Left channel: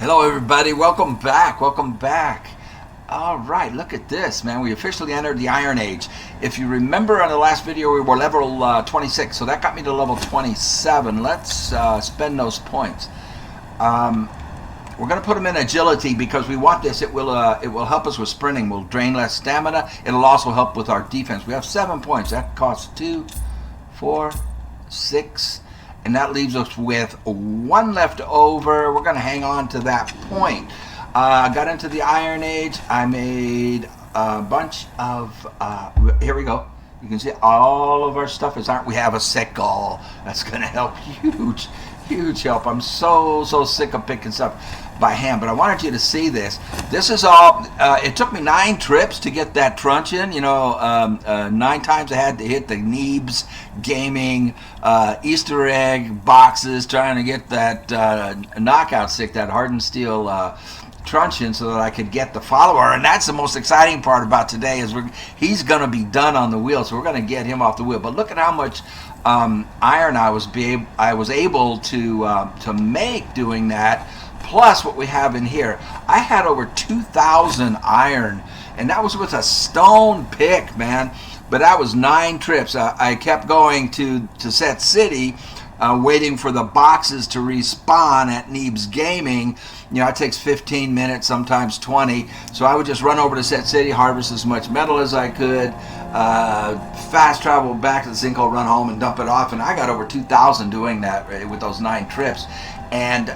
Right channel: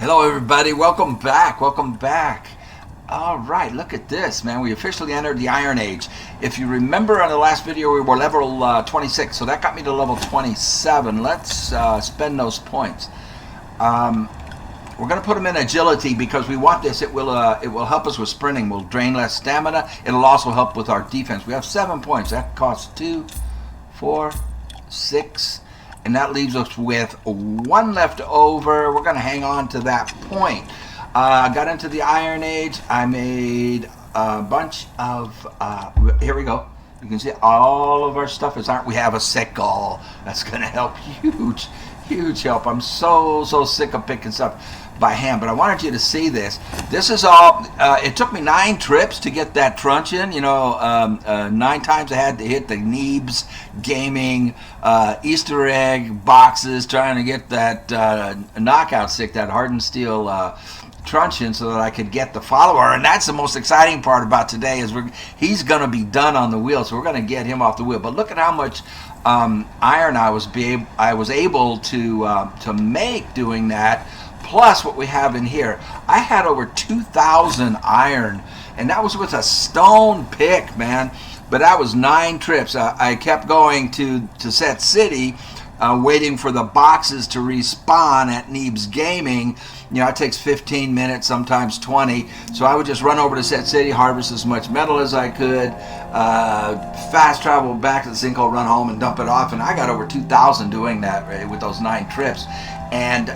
Hello everybody, welcome back, All right, look at this, man. We officially entered the Iron Age. If you remember on the last video, we were level 26, so that got me to level 27. Let's spend those points. We're going to put them in agility because we want this. It will help us with sprinting. We'll drain less stamina. It'll also help with our defense. We have 7 points. That costs 2, 4, 6, and that leaves us with 1 left over. We're going to hang on to that point. I got into the Iron Age. I made a bunch of, here we go. You can see all of our stuff is iron. We have a sickle. That's going to help. Huge help. I'm so sick of picking stuff by hand, but I wanted you to see this. This is all, it took me 9 trips to get that truncheon. You know, 9 times I had to hit the Neebs Gaming Easter egg boxes trying to get that knockout stick, that hardened steel truncheon, so that I could get the follower. And that's the most exciting part about today is he's going to be done on the wheel, so we're going to get him off the wheel. But look at how much iron I was able to make doing that, plus what we have in here. I had over 2,000 iron, and that was with a stone pick, man. But that was 9 trips. I kept going to Set City, waiting for the boxes to respawn at Neebs Gaming. You know, it takes 15 minutes, sometimes 20. So I would just run over to Set City, harvest as much metal as I could, fast travel back to the sinkhole, run home, and dump it off. And I got over 2,000 doing that with those 9 trips. And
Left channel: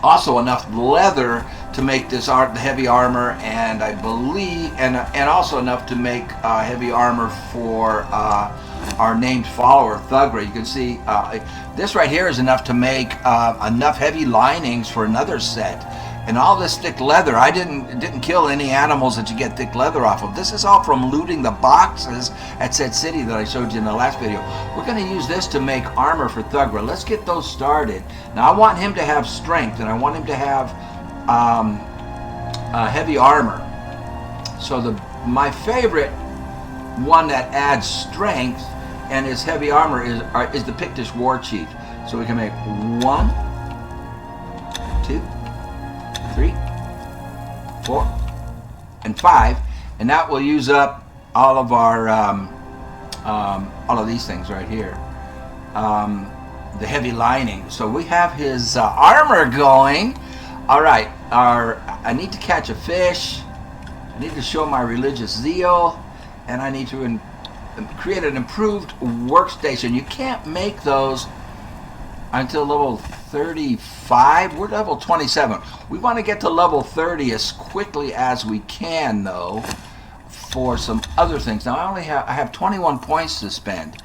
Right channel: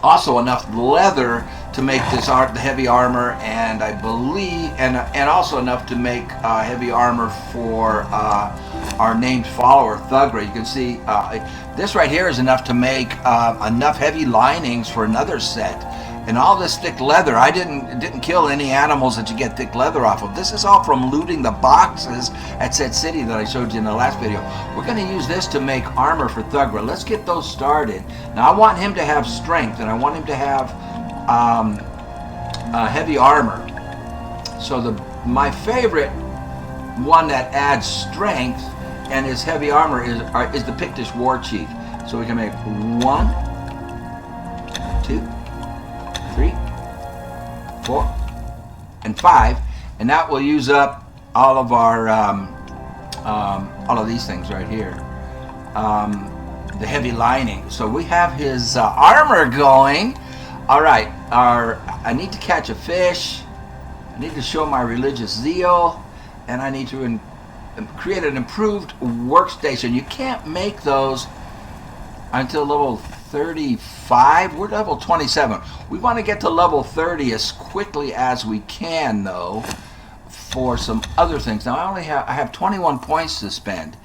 also enough leather to make this heavy armor, and I believe, and also enough to make heavy armor for our named follower, Thugra. You can see this right here is enough to make enough heavy linings for another set. And all this thick leather, I didn't kill any animals that you get thick leather off of. This is all from looting the boxes at Set City that I showed you in the last video. We're going to use this to make armor for Thugra. Let's get those started. Now I want him to have strength, and I want him to have heavy armor. So my favorite one that adds strength and is heavy armor is the Pictish War Chief. So we can make 1, 2, 3, 4, and 5, and that will use up all of our all of these things right here. The heavy lining. So we have his armor going. All right. I need to catch a fish. I need to show my religious zeal, and I need to create an improved workstation. You can't make those until level 35. We're level 27. We want to get to level 30 as quickly as we can, though, for some other things. Now I have 21 points to spend.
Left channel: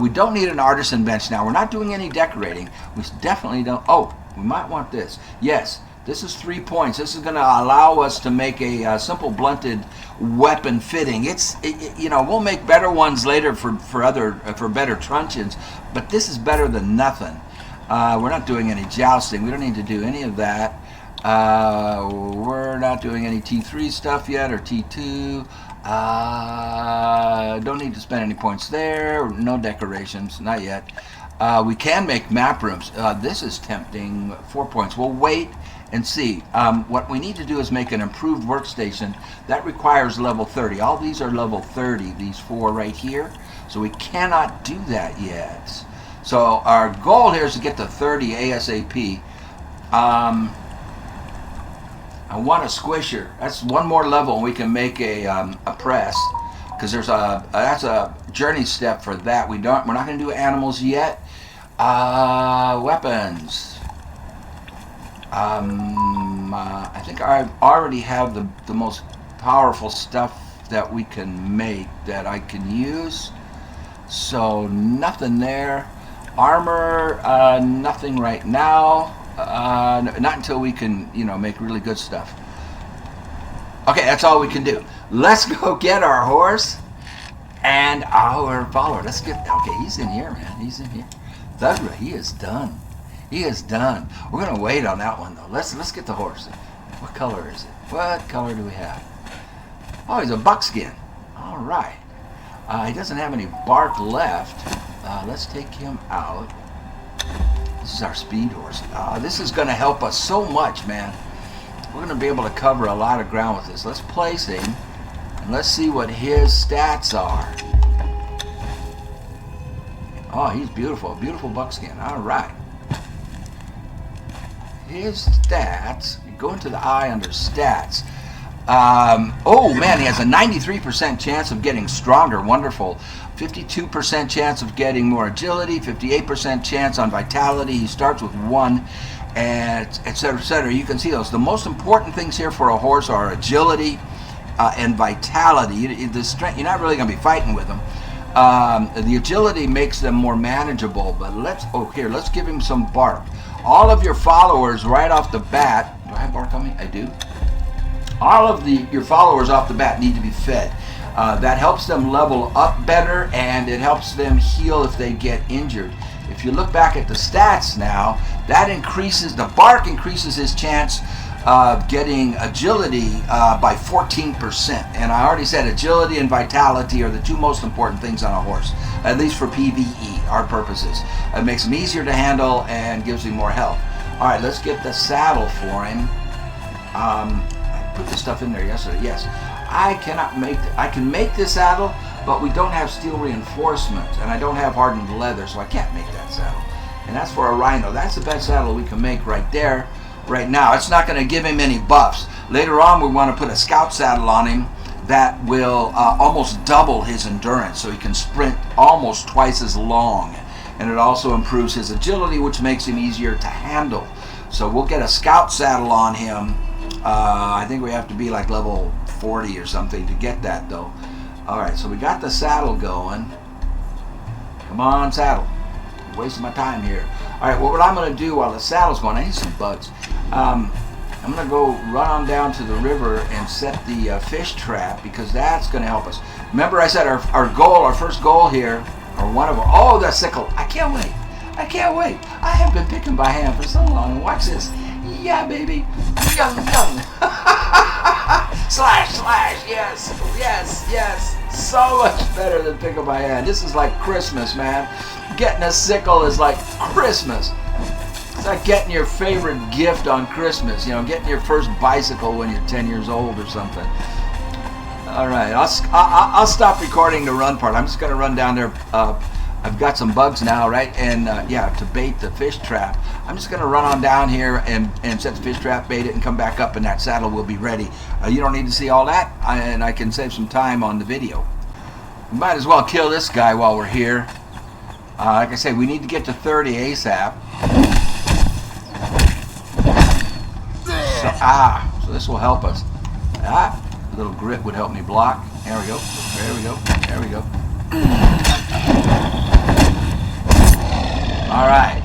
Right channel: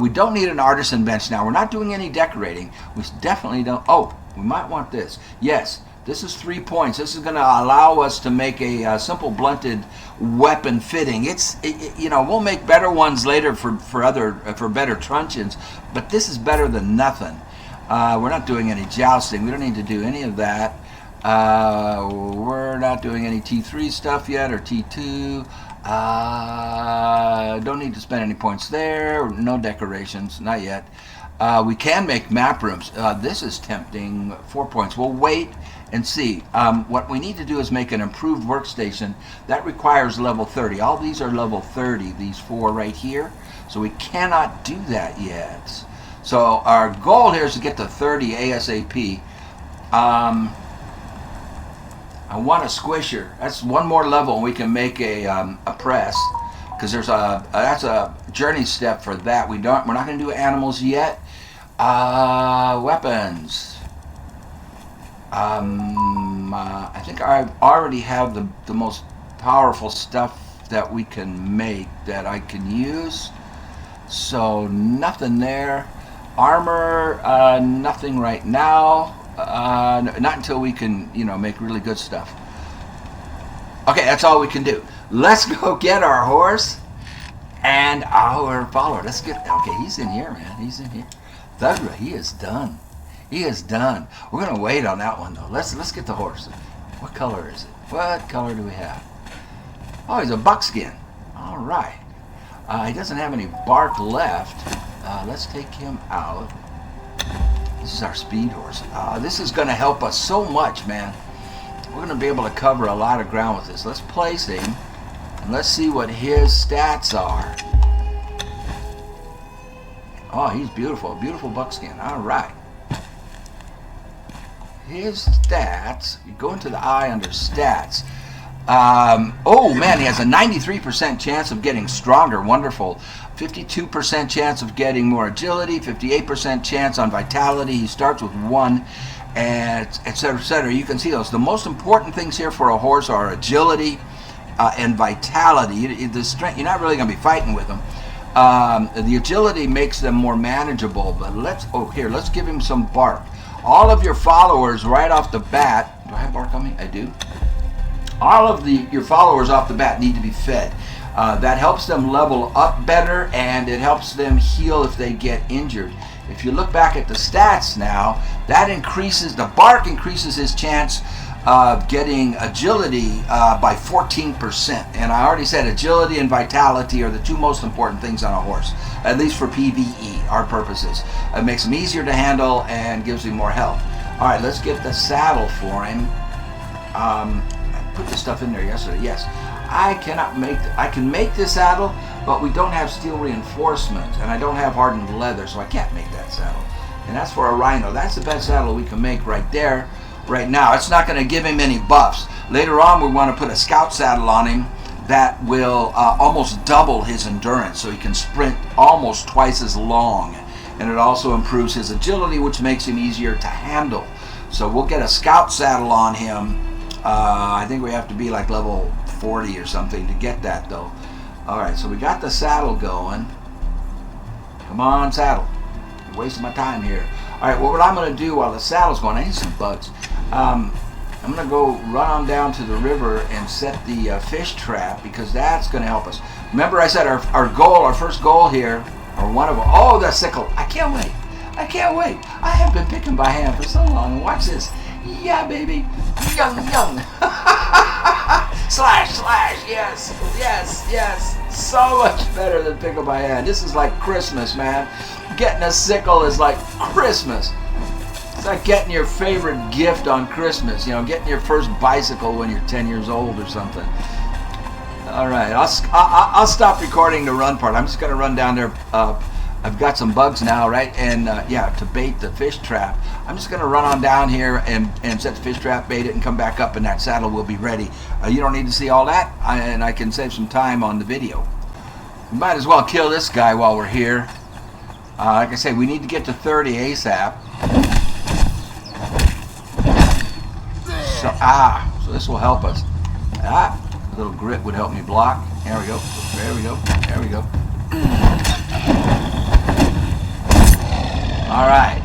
We don't need an artisan bench now. We're not doing any decorating. We definitely don't. Oh, we might want this. Yes. This is 3 points. This is going to allow us to make a simple blunted weapon fitting. You know, we'll make better ones later for better truncheons, but this is better than nothing. We're not doing any jousting. We don't need to do any of that. We're not doing any T3 stuff yet, or T2. Don't need to spend any points there. No decorations, not yet. We can make map rooms. This is tempting. 4 points. We'll wait and see. What we need to do is make an improved workstation. That requires level 30. All these are level 30, these 4 right here. So we cannot do that yet. So our goal here is to get to 30 ASAP. I want a squisher. That's 1 more level and we can make a press. Because that's a journey step for that. We're not going to do animals yet. Weapons. I think I already have the most powerful stuff that we can make that I can use. So nothing there. Armor, nothing right now. Not until we can, you know, make really good stuff. Okay, that's all we can do. Let's go get our horse and our follower. Let's get. Okay, he's in here, man. He's in here. Thugra, he is done. He is done. We're gonna wait on that one though. Let's get the horse. What color is it? What color do we have? Oh, he's a buckskin. All right. He doesn't have any bark left. Let's take him out. This is our speed horse. This is going to help us so much, man. We're going to be able to cover a lot of ground with this. Let's place him, and let's see what his stats are. Oh, he's beautiful. Beautiful buckskin. All right. His stats, you go into the eye under stats. Oh, man, he has a 93% chance of getting stronger. Wonderful. 52% chance of getting more agility, 58% chance on vitality. He starts with 1, and et cetera, et cetera. You can see those. The most important things here for a horse are agility and vitality. The strength, you're not really going to be fighting with them. The agility makes them more manageable, but let's give him some bark. All of your followers right off the bat, do I have bark on me? I do. All of your followers off the bat need to be fed. That helps them level up better, and it helps them heal if they get injured. If you look back at the stats now, that increases, the bark increases his chance of getting agility by 14%. And I already said agility and vitality are the two most important things on a horse, at least for PvE, our purposes. It makes him easier to handle and gives him more health. All right, let's get the saddle for him. Put this stuff in there yesterday. Yes, I can make this saddle, but we don't have steel reinforcement, and I don't have hardened leather, so I can't make that saddle. And that's for a rhino. That's the best saddle we can make right there, right now. It's not going to give him any buffs. Later on, we want to put a scout saddle on him that will almost double his endurance, so he can sprint almost twice as long. And it also improves his agility, which makes him easier to handle. So we'll get a scout saddle on him. I think we have to be like level 40 or something to get that, though. Alright, so we got the saddle going. Come on, saddle. I'm wasting my time here. Alright, well, what I'm going to do while the saddle's going, I need some bugs. I'm going to go run on down to the river and set the fish trap, because that's going to help us. Remember I said our first goal here, or one of them, oh, the sickle. I can't wait. I can't wait. I have been picking by hand for so long. Watch this. Yeah, baby. Yum, yum. Slash, slash. Yes, yes, yes. So much better than pickle by hand. This is like Christmas, man. Getting a sickle is like Christmas. It's like getting your favorite gift on Christmas. You know, getting your first bicycle when you're 10 years old or something. All right, I'll stop recording the run part. I'm just going to run down there. I've got some bugs now, right? And yeah, to bait the fish trap. I'm just going to run on down here and set the fish trap, bait it, and come back up, and that saddle will be ready. You don't need to see all that, and I can save some time on the video. We might as well kill this guy while we're here. Like I say, we need to get to 30 ASAP. So this will help us. A little grit would help me block. There we go. There we go. There we go. All right.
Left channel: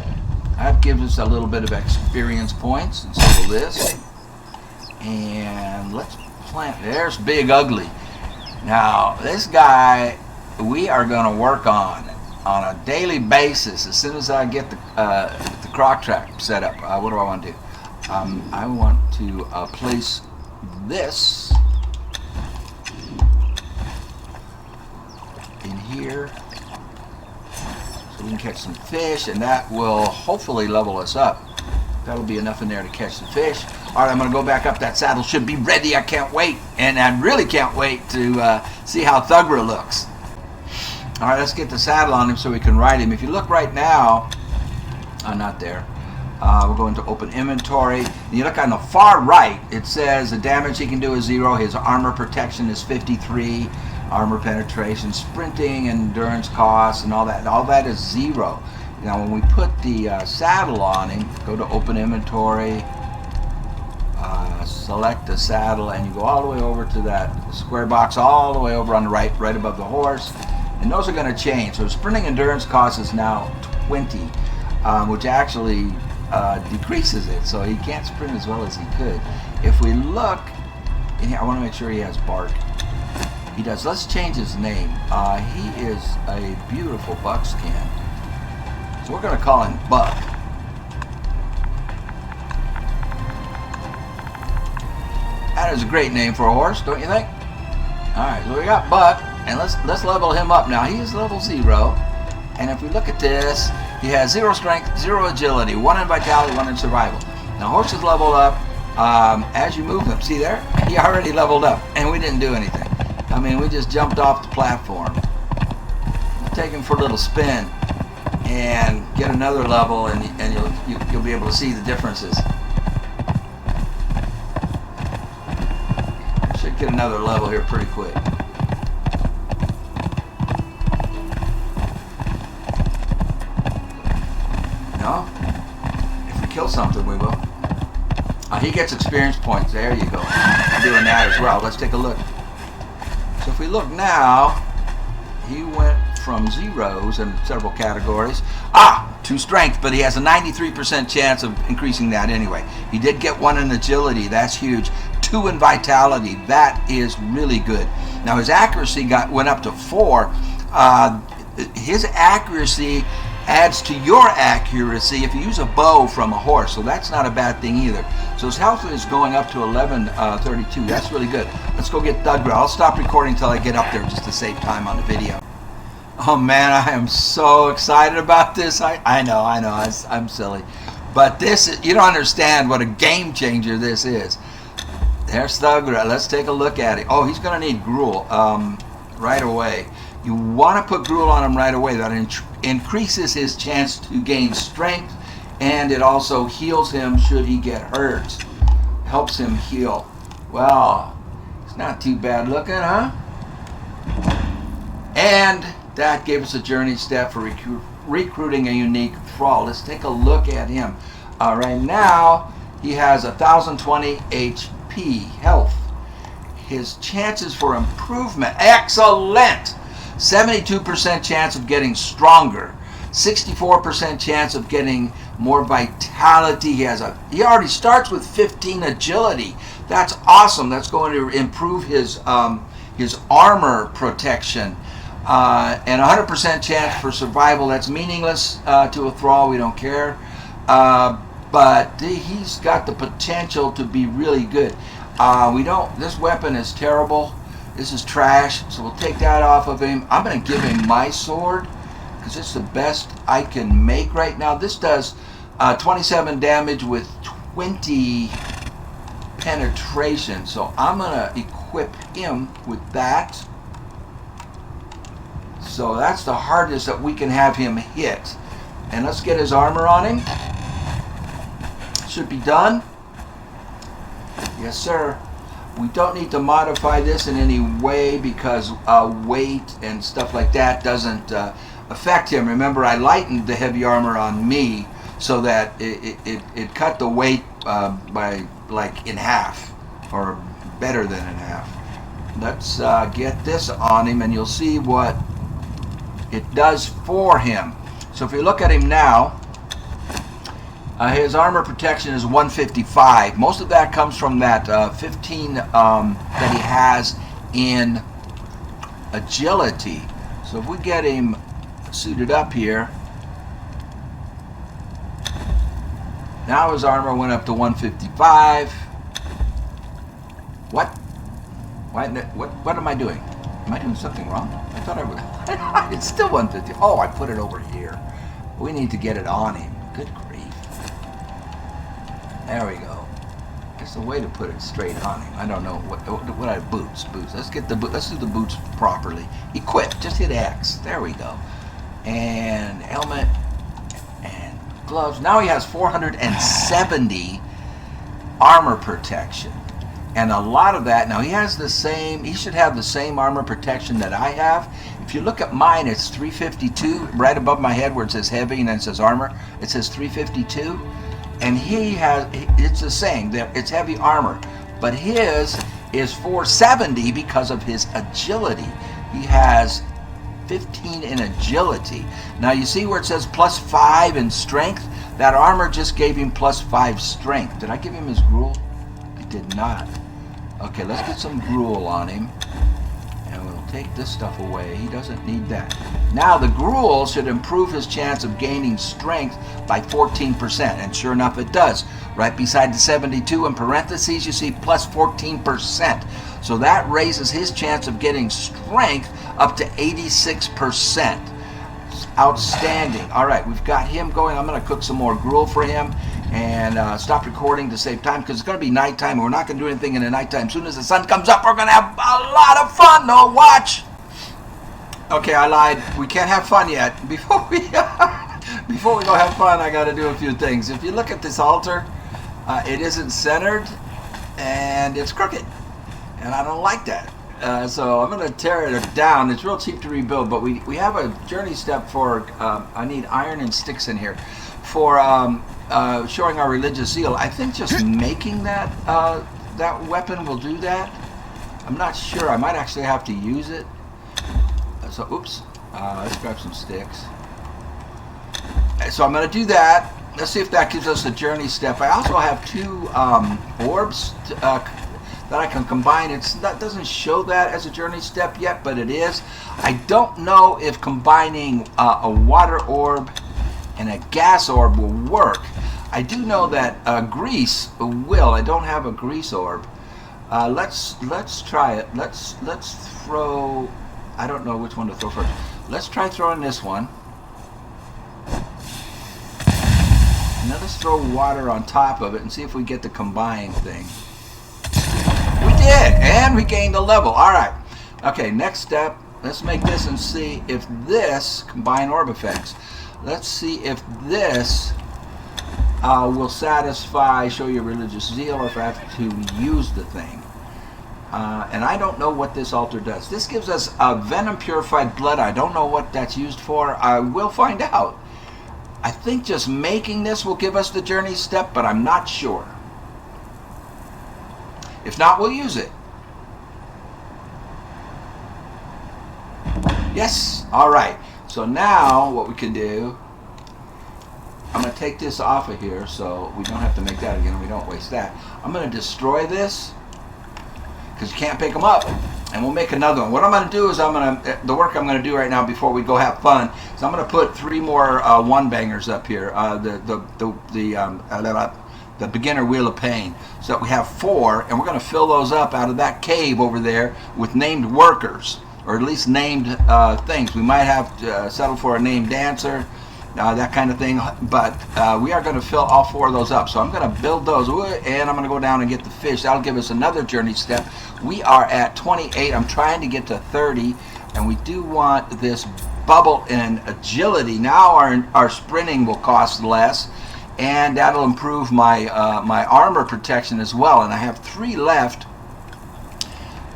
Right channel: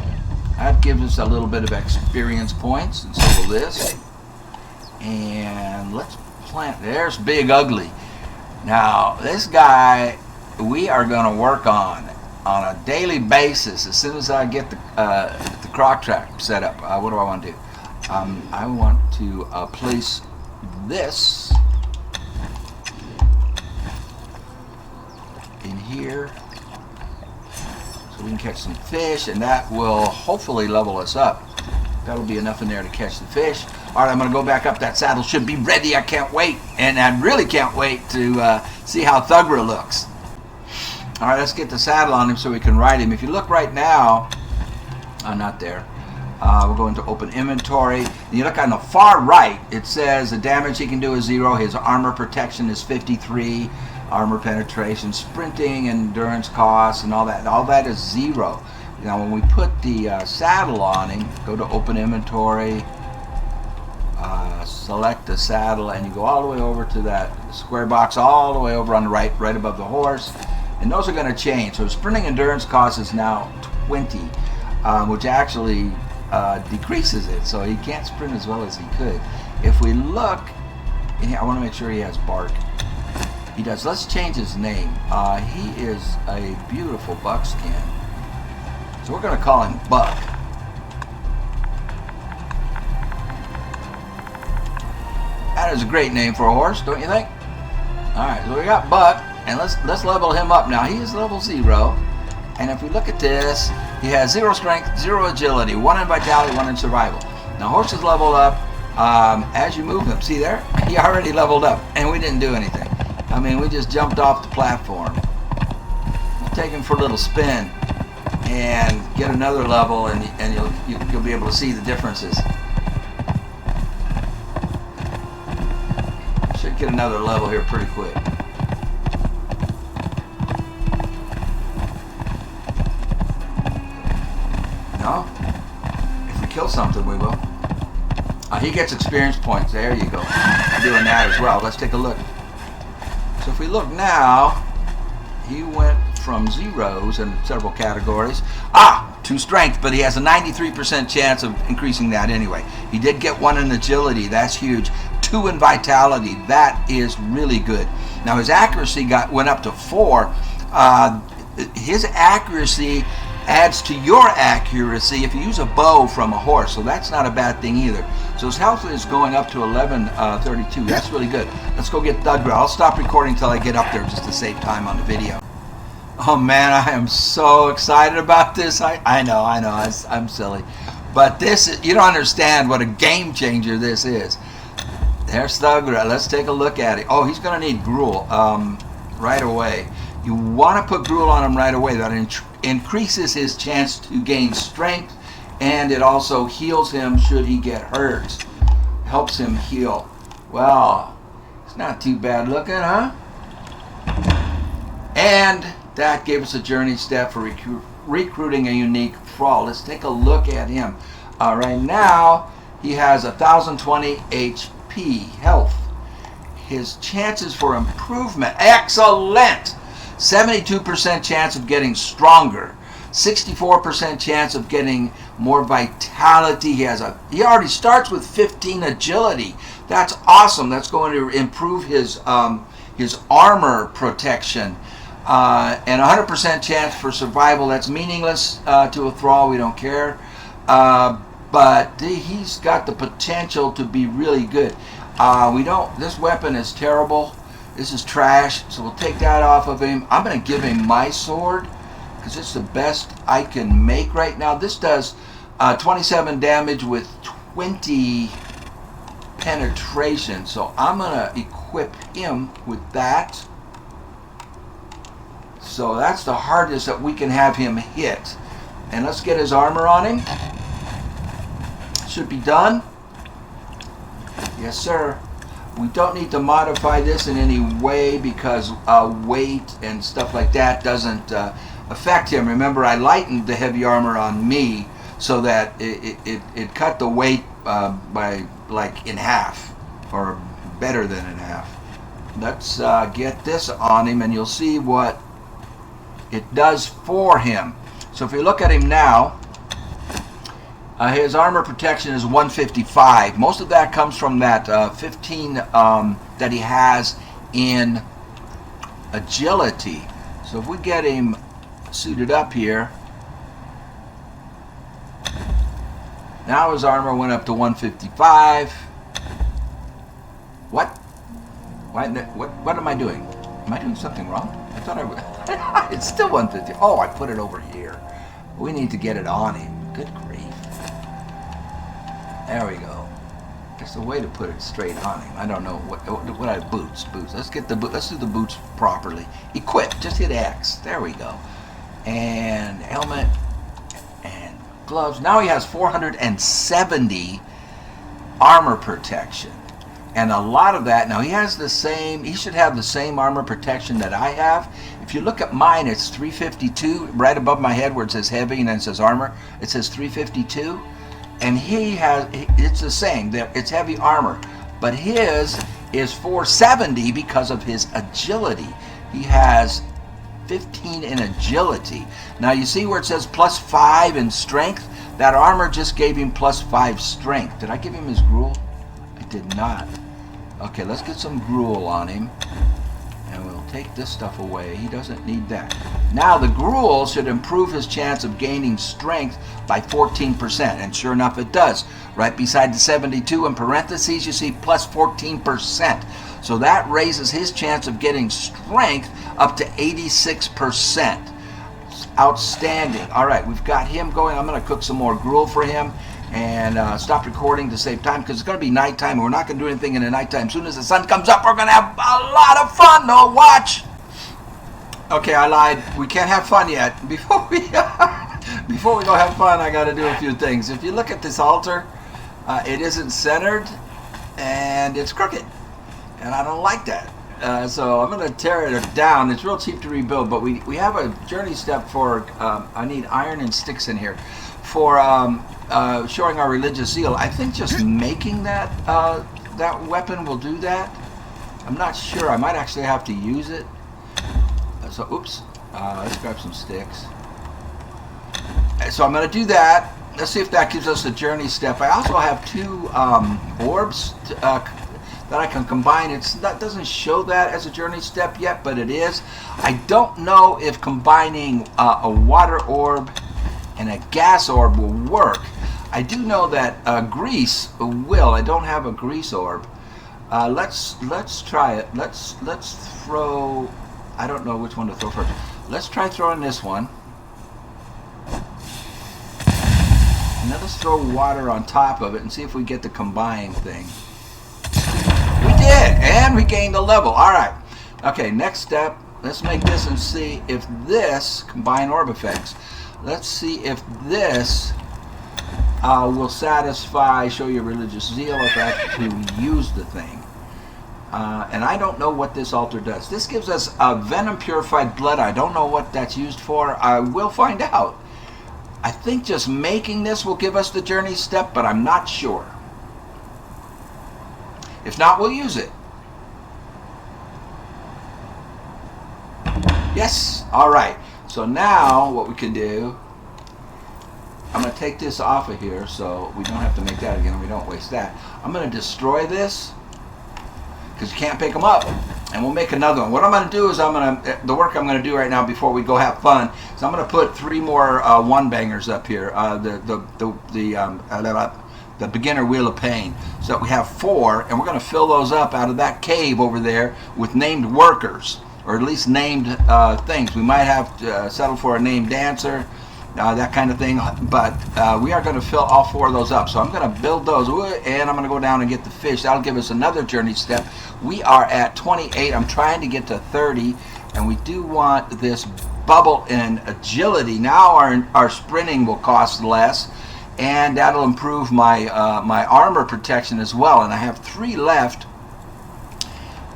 That gives us a little bit of experience points, and so will this. And let's plant. There's Big Ugly. Now, this guy we are going to work on a daily basis as soon as I get the croc trap set up. What do I want to do? I want to place this in here so we can catch some fish, and that will hopefully level us up. That'll be enough in there to catch the fish. All right, I'm going to go back up. That saddle should be ready. I can't wait, and I really can't wait to see how Thugra looks. All right, let's get the saddle on him so we can ride him. If you look right now, not there. We're going to open inventory. And you look on the far right, it says the damage he can do is 0. His armor protection is 53. Armor penetration, sprinting, endurance costs, and all that is 0. Now when we put the saddle on him, go to open inventory, select the saddle, and you go all the way over to that square box, all the way over on the right above the horse. And those are going to change. So sprinting endurance cost is now 20, which actually decreases it, so he can't sprint as well as he could. If we look, I want to make sure he has bark. He does. Let's change his name. He is a beautiful buckskin, so we're going to call him Buck. That is a great name for a horse, don't you think? All right, so we got Buck, and let's level him up now. He is level 0, and if we look at this, He has 0 strength, 0 agility, 1 in vitality, 1 in survival. Now horses level up as you move them. See there? He already leveled up, and we didn't do anything. I mean, we just jumped off the platform. Take him for a little spin and get another level, and you'll be able to see the differences. Should get another level here pretty quick. No? If we kill something, we will. He gets experience points. There you go. I'm doing that as well. Let's take a look. So if we look now, he went from zeros in several categories. 2 strength, but he has a 93% chance of increasing that anyway. He did get 1 in agility. That's huge. 2 in vitality. That is really good. Now his accuracy went up to 4. His accuracy adds to your accuracy if you use a bow from a horse, so that's not a bad thing either. So his health is going up to 1132. That's really good. Let's go get Thug. I'll stop recording until I get up there just to save time on the video. Oh man, I am so excited about this. I know, I'm silly. But this, you don't understand what a game changer this is. There's Thug. Let's take a look at it. Oh, he's going to need gruel right away. You want to put gruel on him right away. That increases his chance to gain strength, and it also heals him should he get hurt. Helps him heal. Well, it's not too bad looking, huh? And that gave us a journey step for recruiting a unique thrall. Let's take a look at him. Right now, he has 1,020 HP health. His chances for improvement, excellent! 72% chance of getting stronger, 64% chance of getting more vitality. He already starts with 15 agility. That's awesome. That's going to improve his armor protection. And 100% chance for survival. That's meaningless to a thrall. We don't care. But he's got the potential to be really good. This weapon is terrible. This is trash, so we'll take that off of him. I'm going to give him my sword, because it's the best I can make right now. This does 27 damage with 20 penetration, so I'm going to equip him with that. So that's the hardest that we can have him hit. And let's get his armor on him. Should be done. Yes, sir. We don't need to modify this in any way because weight and stuff like that doesn't affect him. Remember, I lightened the heavy armor on me so that it cut the weight by like in half, or better than in half. Let's get this on him and you'll see what it does for him. So if you look at him now, his armor protection is 155. Most of that comes from that 15 that he has in agility. So if we get him suited up here, now his armor went up to 155. What? What am I doing? Am I doing something wrong? I thought I would. It's still 150. Oh, I put it over here. We need to get it on him. Good grief. There we go. It's the way to put it straight on him. I don't know what I boots. Let's get the let's do the boots properly. Equip. Just hit X. There we go. And helmet and gloves. Now he has 470 armor protection. And a lot of that, now he should have the same armor protection that I have. If you look at mine, it's 352, right above my head where it says heavy and then it says armor. It says 352. And it's the same, it's heavy armor. But his is 470 because of his agility. He has 15 in agility. Now you see where it says +5 in strength? That armor just gave him +5 strength. Did I give him his gruel? I did not. Okay, let's get some gruel on him. And we'll take this stuff away. He doesn't need that. Now the gruel should improve his chance of gaining strength by 14%. And sure enough it does. Right beside the 72 in parentheses you see +14%. So that raises his chance of getting strength up to 86%. Outstanding. All right, we've got him going. I'm going to cook some more gruel for him and stop recording to save time because it's going to be nighttime and we're not going to do anything in the nighttime. As soon as the sun comes up, we're going to have a lot of fun. No, watch. Okay, I lied. We can't have fun yet. Before we go have fun, I got to do a few things. If you look at this altar, it isn't centered and it's crooked, and I don't like that. So I'm going to tear it down. It's real cheap to rebuild, but we have a journey step for, I need iron and sticks in here, for showing our religious zeal. I think just making that that weapon will do that. I'm not sure. I might actually have to use it. So, oops. Let's grab some sticks. So I'm going to do that. Let's see if that gives us a journey step. I also have two orbs that I can combine. That doesn't show that as a journey step yet, but it is. I don't know if combining a water orb and a gas orb will work. I do know that grease will. I don't have a grease orb. Let's try it. Let's throw. I don't know which one to throw first. Let's try throwing this one. And then let's throw water on top of it and see if we get the combine thing. We did, and we gained a level. All right. Okay, next step. Let's make this and see if this combine orb effects. Let's see if this will satisfy show your religious zeal if I have to use the thing. And I don't know what this altar does. This gives us a venom purified blood. I don't know what that's used for. I will find out. I think just making this will give us the journey step, but I'm not sure. If not, we'll use it. Yes. All right. So now what we can do, I'm going to take this off of here so we don't have to make that again. We don't waste that. I'm going to destroy this because you can't pick them up, and we'll make another one. What I'm going to do is the work I'm going to do right now before we go have fun. So I'm going to put 3 more one bangers up here. The beginner wheel of pain. So we have 4, and we're going to fill those up out of that cave over there with named workers, or at least named things. We might have to settle for a named dancer, that kind of thing, but we are going to fill all 4 of those up. So I'm going to build those, and I'm going to go down and get the fish. That'll give us another journey step. We are at 28. I'm trying to get to 30, and we do want this bubble in agility. Now our sprinting will cost less, and that'll improve my my armor protection as well. And I have 3 left,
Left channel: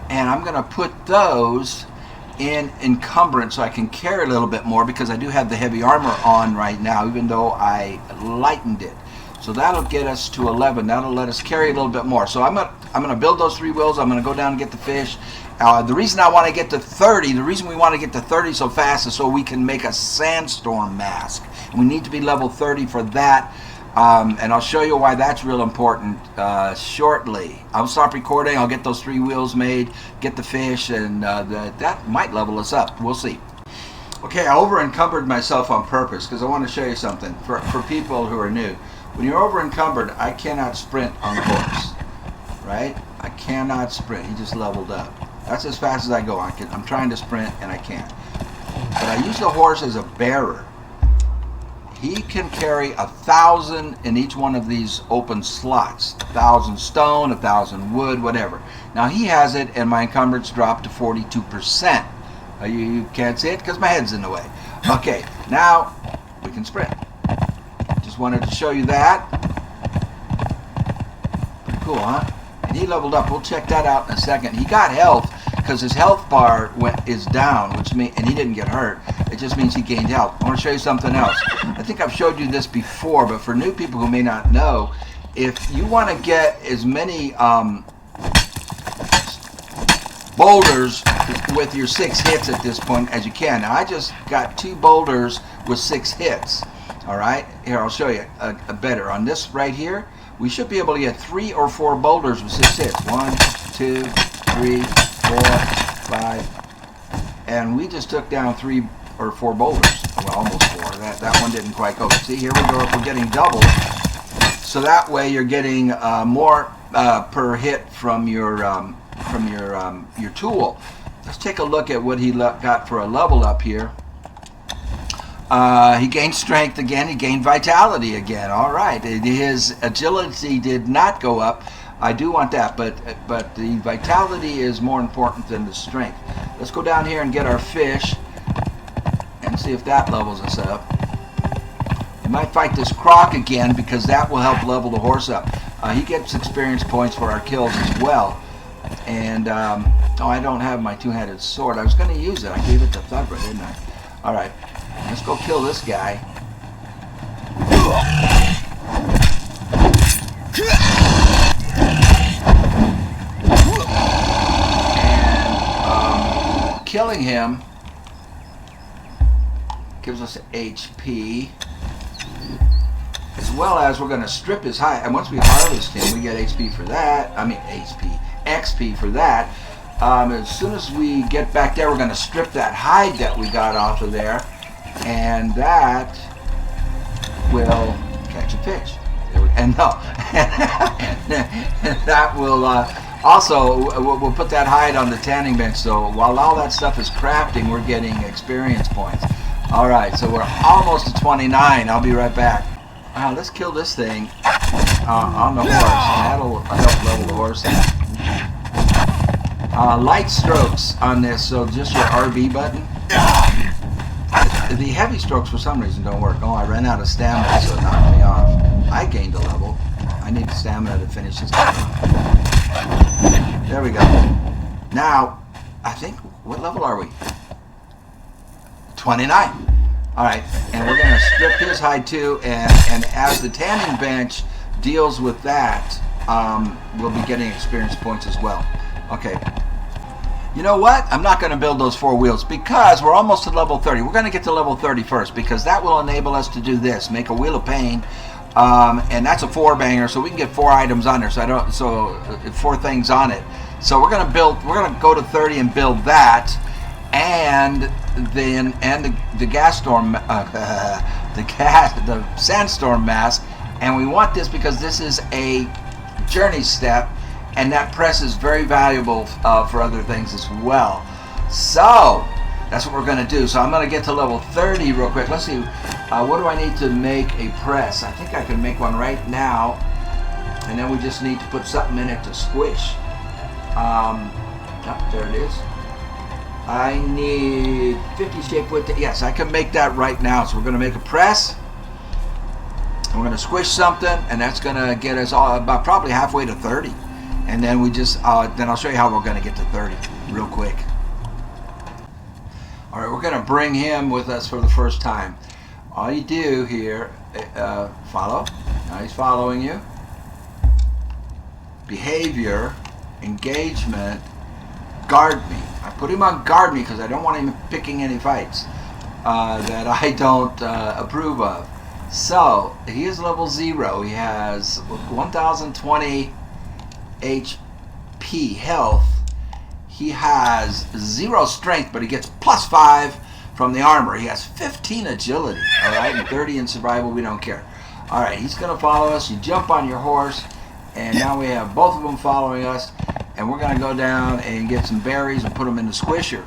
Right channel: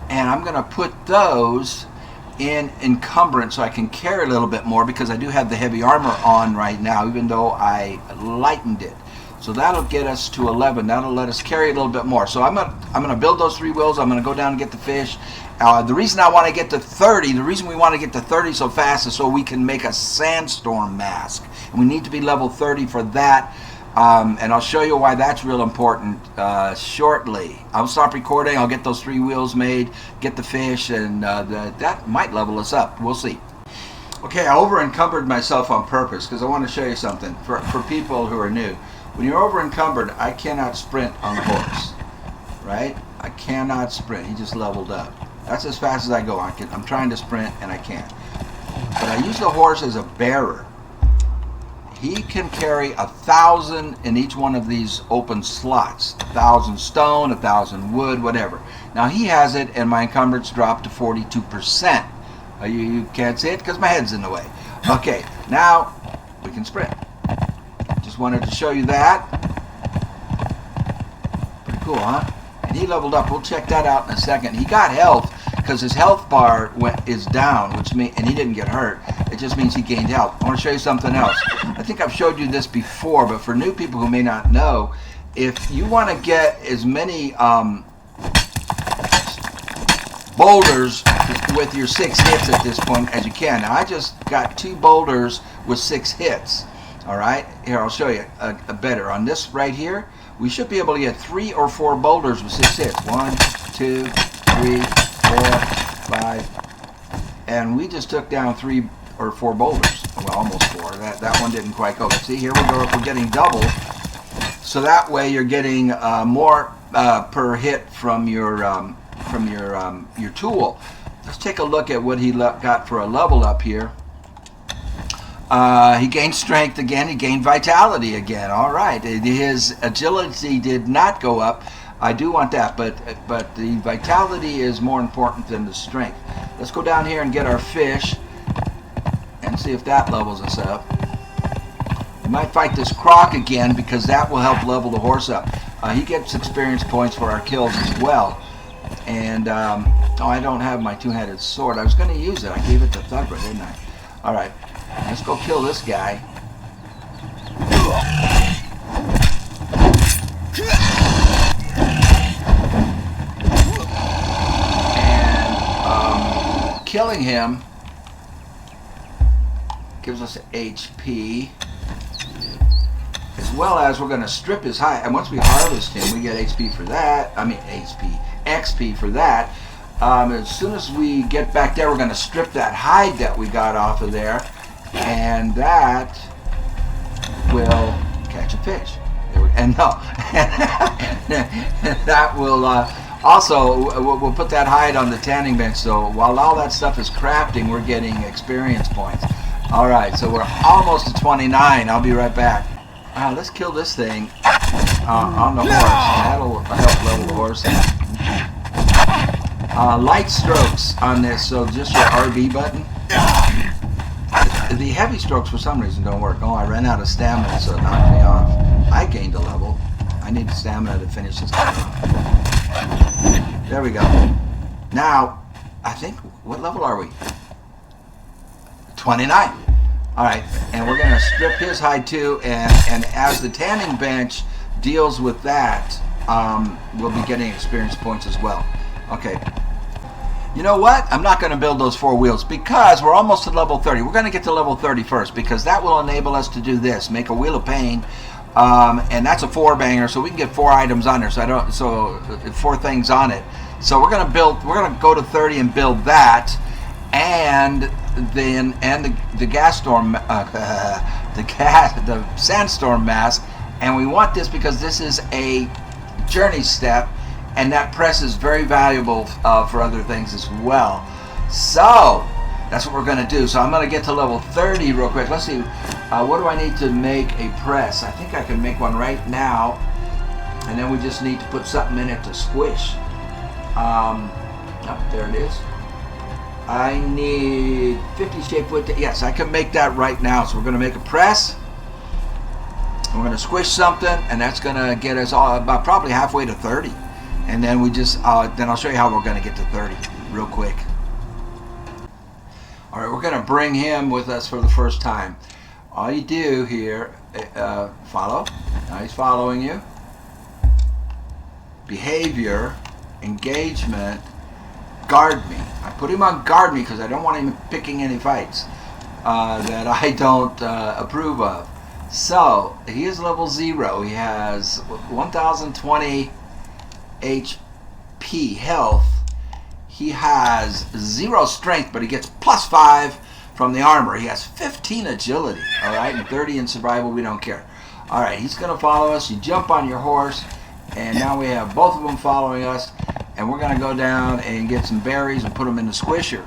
and I'm going to put those in encumbrance so I can carry a little bit more, because I do have the heavy armor on right now, even though I lightened it. So that'll get us to 11. That'll let us carry a little bit more. So I'm gonna build those 3 wheels. I'm gonna go down and get the fish. The reason I want to get to 30, the reason we want to get to 30 so fast is so we can make a sandstorm mask. And we need to be level 30 for that. And I'll show you why that's real important shortly. I'll stop recording. I'll get those 3 wheels made, get the fish, and that might level us up. We'll see. Okay, I over encumbered myself on purpose because I want to show you something for people who are new. When you're over encumbered, I cannot sprint on the horse, right? I cannot sprint. He just leveled up. That's as fast as I go. I'm trying to sprint and I can't. But I use the horse as a bearer. He can carry 1,000 in each one of these open slots. 1,000 stone, 1,000 wood, whatever. Now he has it, and my encumbrance dropped to 42%. You can't see it because my head's in the way. Okay, now we can sprint. Just wanted to show you that. Pretty cool, huh? And he leveled up. We'll check that out in a second. He got health because his health bar is down, and he didn't get hurt. It just means he gained health. I want to show you something else. I think I've showed you this before, but for new people who may not know, if you want to get as many boulders with your 6 hits at this point as you can. Now, I just got 2 boulders with 6 hits. All right, here I'll show you a better. On this right here, we should be able to get 3 or 4 boulders with 6 hits. 1, 2, 3, 4, 5, and we just took down 3 or 4 boulders. Well, almost 4. That one didn't quite go. See, here we go. We're getting double. So that way you're getting more per hit from your tool. Let's take a look at what he got for a level up here. He gained strength again. He gained vitality again. All right. His agility did not go up. I do want that, but the vitality is more important than the strength. Let's go down here and get our fish and see if that levels us up. We might fight this croc again because that will help level the horse up. He gets experience points for our kills as well. And, oh, I don't have my two-handed sword. I was going to use it. I gave it to Thugger, didn't I? All right. Let's go kill this guy. And killing him gives us HP. As well as we're going to strip his hide. And once we harvest him, we get HP for that. I mean, XP for that. As soon as we get back there, we're going to strip that hide that we got off of there. And that will catch a fish. And no, that will also, we'll put that hide on the tanning bench. So while all that stuff is crafting, we're getting experience points. All right, so we're almost to 29. I'll be right back. Let's kill this thing on the horse. That'll help level the horse up. Light strokes on this, so just your RB button. The heavy strokes for some reason don't work. Oh, I ran out of stamina, so it knocked me off. I gained a level. I need stamina to finish this. There we go. Now, I think, what level are we? 29. Alright, and we're going to strip his hide too, and as the tanning bench deals with that, we'll be getting experience points as well. Okay. You know what? I'm not going to build those 4 wheels because we're almost to level 30. We're going to get to level 30 first because that will enable us to do this. Make a wheel of pain, and that's a 4-banger, so we can get 4 items on there. So 4 things on it. So we're going to build. We're going to go to 30 and build that, and then the gas storm, the sandstorm mask. And we want this because this is a journey step. And that press is very valuable for other things as well. So, that's what we're going to do. So I'm going to get to level 30 real quick. Let's see, what do I need to make a press? I think I can make one right now. And then we just need to put something in it to squish. Oh, there it is. I need 50 shape width. Yes, I can make that right now. So we're going to make a press. I'm going to squish something. And that's going to get us about probably halfway to 30. And then we just, then I'll show you how we're going to get to 30 real quick. All right, we're going to bring him with us for the first time. All you do here, follow. Now he's following you. Behavior, engagement, guard me. I put him on guard me because I don't want him picking any fights that I don't approve of. So, he is level 0. He has 1,020 HP health. He has 0 strength, but he gets +5 from the armor. He has 15 agility, all right, and 30 in survival. We don't care. All right, he's going to follow us. You jump on your horse, and now we have both of them following us, and we're going to go down and get some berries and put them in the squisher.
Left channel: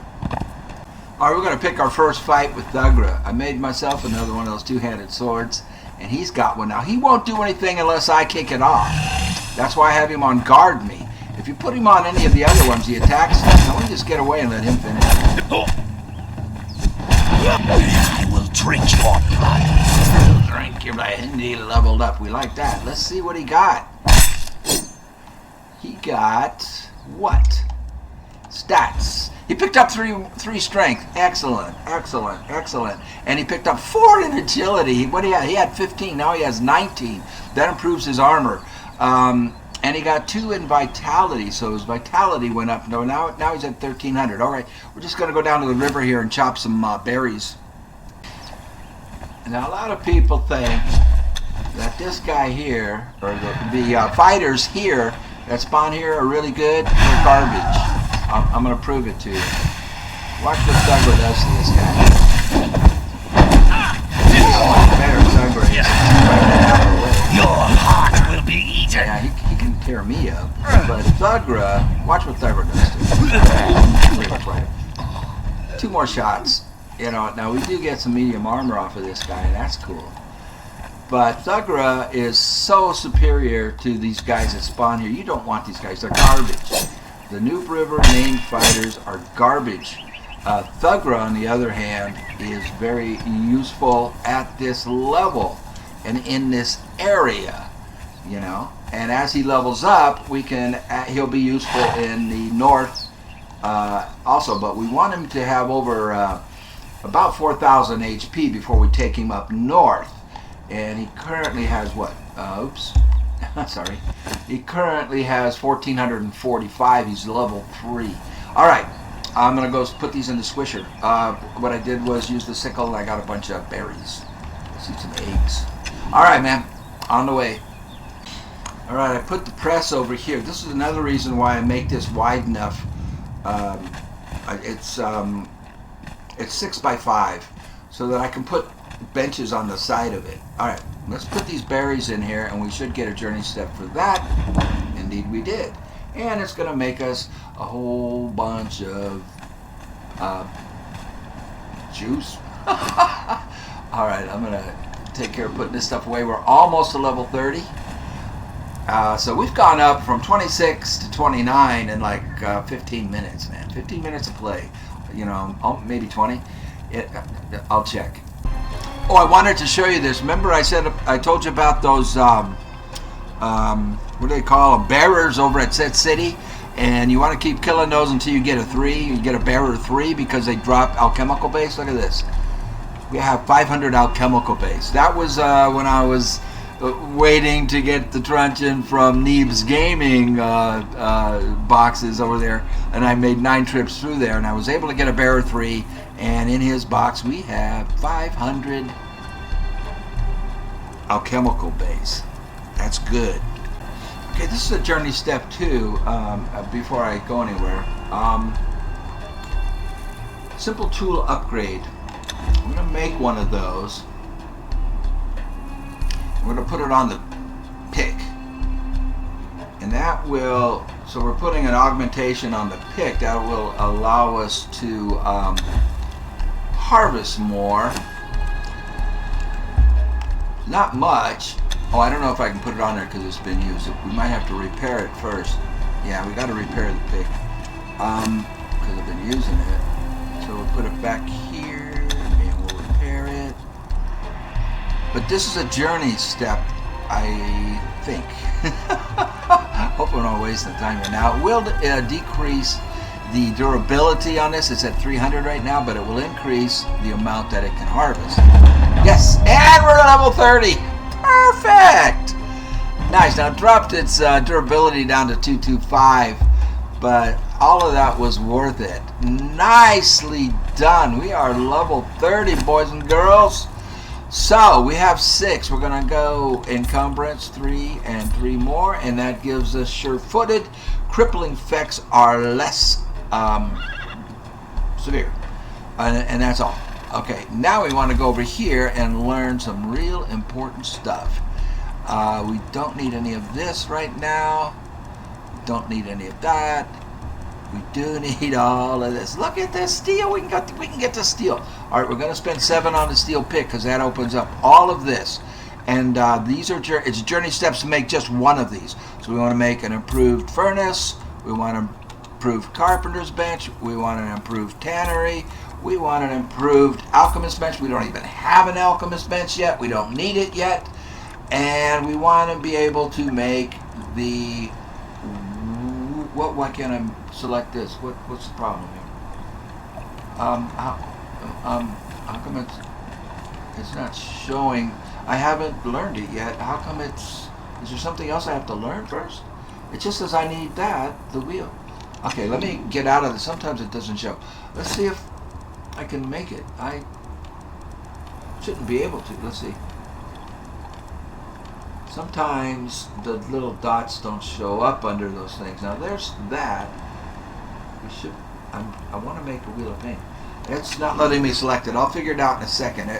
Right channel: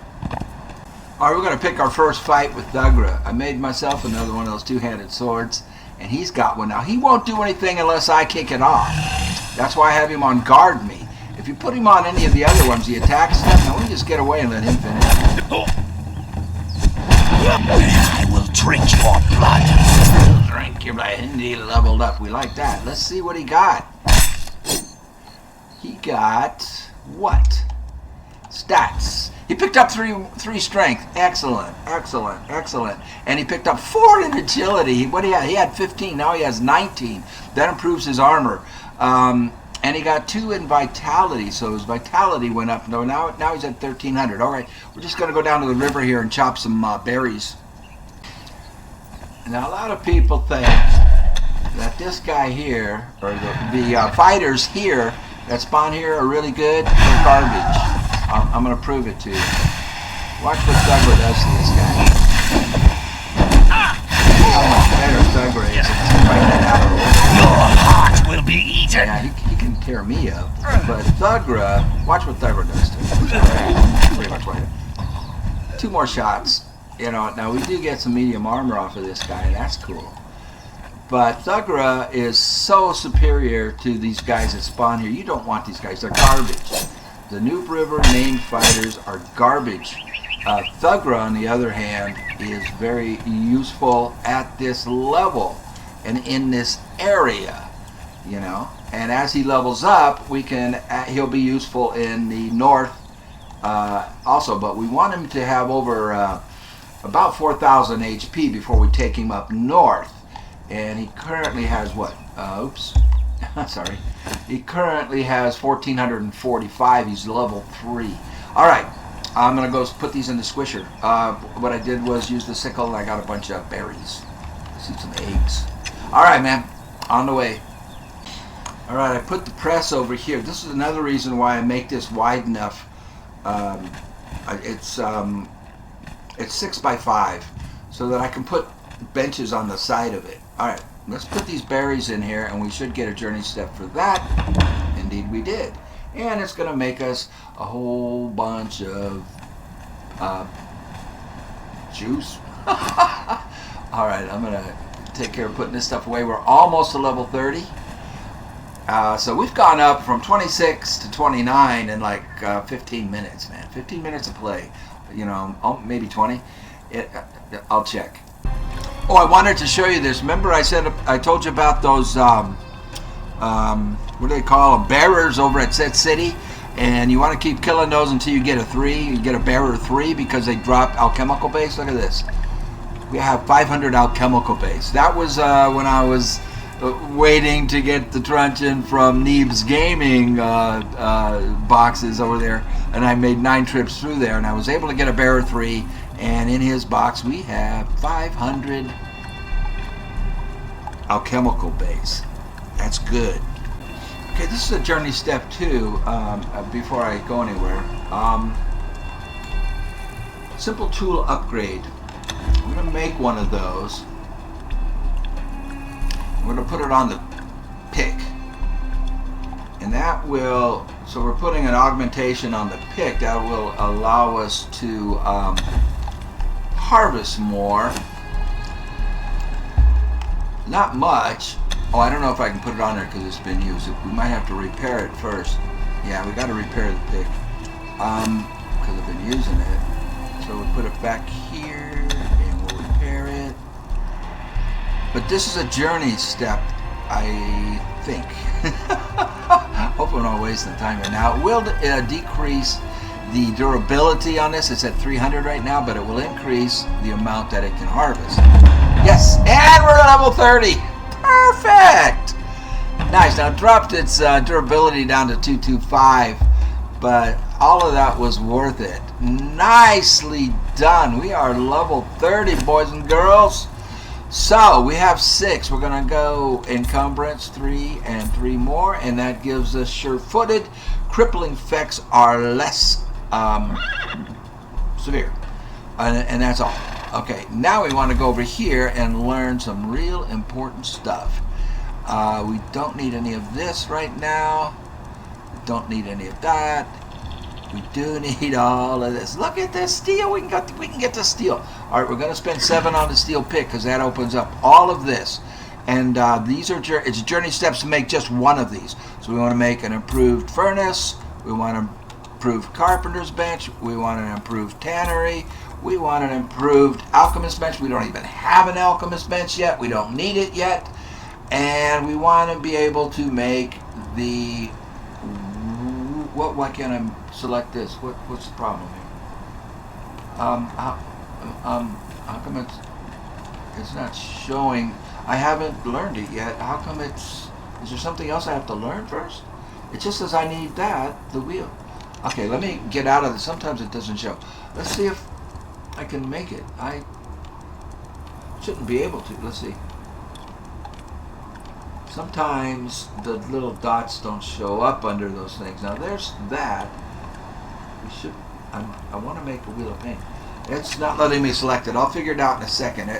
All right, we're going to pick our first fight with Thugra. I made myself another one of those two-handed swords, and he's got one now. He won't do anything unless I kick it off. That's why I have him on guard me. If you put him on any of the other ones, he attacks him. Now we just get away and let him finish. I will drink your blood. Drink your blood. And he leveled up. We like that. Let's see what he got. He got what? Stats. He picked up three strength. Excellent, excellent, excellent. And he picked up 4 in agility. What do he have? He had 15. Now he has 19. That improves his armor. And he got 2 in vitality, so his vitality went up. No, now he's at 1,300. All right, we're just going to go down to the river here and chop some berries. Now, a lot of people think that this guy here, or the fighters here that spawn here are really good. They're garbage. I'm going to prove it to you. Watch what Thugra does to this guy. Your heart will be eaten. Yeah, he can tear me up. But Thugra, watch what Thugra does to him. 2 more shots. You know, now we do get some medium armor off of this guy, and that's cool. But Thugra is so superior to these guys that spawn here. You don't want these guys. They're garbage. The Noob River named fighters are garbage. Thugra, on the other hand, is very useful at this level and in this area, you know. And as he levels up, he'll be useful in the north also. But we want him to have over about 4,000 HP before we take him up north. And he currently has what? Oops. Sorry. He currently has 1,445. He's level 3. All right. I'm going to go put these in the swisher. What I did was use the sickle, and I got a bunch of berries. See some eggs. All right, man. On the way. All right, I put the press over here. This is another reason why I make this wide enough. It's 6 by 5, so that I can put benches on the side of it. All right, let's put these berries in here, and we should get a journey step for that. Indeed, we did. And it's going to make us a whole bunch of juice. All right, I'm going to take care of putting this stuff away. We're almost to level 30. So we've gone up from 26 to 29 in like 15 minutes, man. 15 minutes of play. You know, maybe 20. I'll check. Oh, I wanted to show you this. Remember I told you about those, what do they call them? Bearers over at Set City. And you want to keep killing those until you get a 3. You get a bearer 3 because they drop alchemical base. Look at this. We have 500 alchemical base. That was when I was waiting to get the truncheon from Neeb's Gaming boxes over there, and I made 9 trips through there, and I was able to get a bearer 3, and in his box we have 500 alchemical base. That's good. Okay, this is a journey step 2 before I go anywhere. Simple tool upgrade. I'm going to make one of those. We're going to put it on the pick. And that will, so we're putting an augmentation on the pick. That will allow us to harvest more. Not much. Oh, I don't know if I can put it on there because it's been used. We might have to repair it first. Yeah, we got to repair the pick because I've been using it. So we'll put it back here and we'll repair it. But this is a journey step, I think. Hope I don't waste the time here. Now, it will decrease the durability on this. It's at 300 right now, but it will increase the amount that it can harvest. Yes, and we're at level 30. Perfect. Nice. Now, it dropped its durability down to 225, but all of that was worth it. Nicely done. We are level 30, boys and girls. So we have 6. We're going to go encumbrance 3 and 3 more, and that gives us sure-footed. Crippling effects are less severe, and that's all. Okay, now we want to go over here and learn some real important stuff. We don't need any of this right now. We don't need any of that. We do need all of this. Look at this steel. We can get the steel. All right, we're going to spend 7 on the steel pick because that opens up all of this. And these are it's journey steps to make just one of these. So we want to make an improved furnace. We want an improved carpenter's bench. We want an improved tannery. We want an improved alchemist bench. We don't even have an alchemist bench yet. We don't need it yet. And we want to be able to make the... Why can't I select this? What's the problem here? How come it's not showing? I haven't learned it yet. How come is there something else I have to learn first? It just says I need the wheel. Okay, let me get out of this. Sometimes it doesn't show. Let's see if I can make it. I shouldn't be able to. Let's see. Sometimes the little dots don't show up under those things. Now there's that. I want to make a wheel of paint. It's not letting me select it. I'll figure it out in a second. We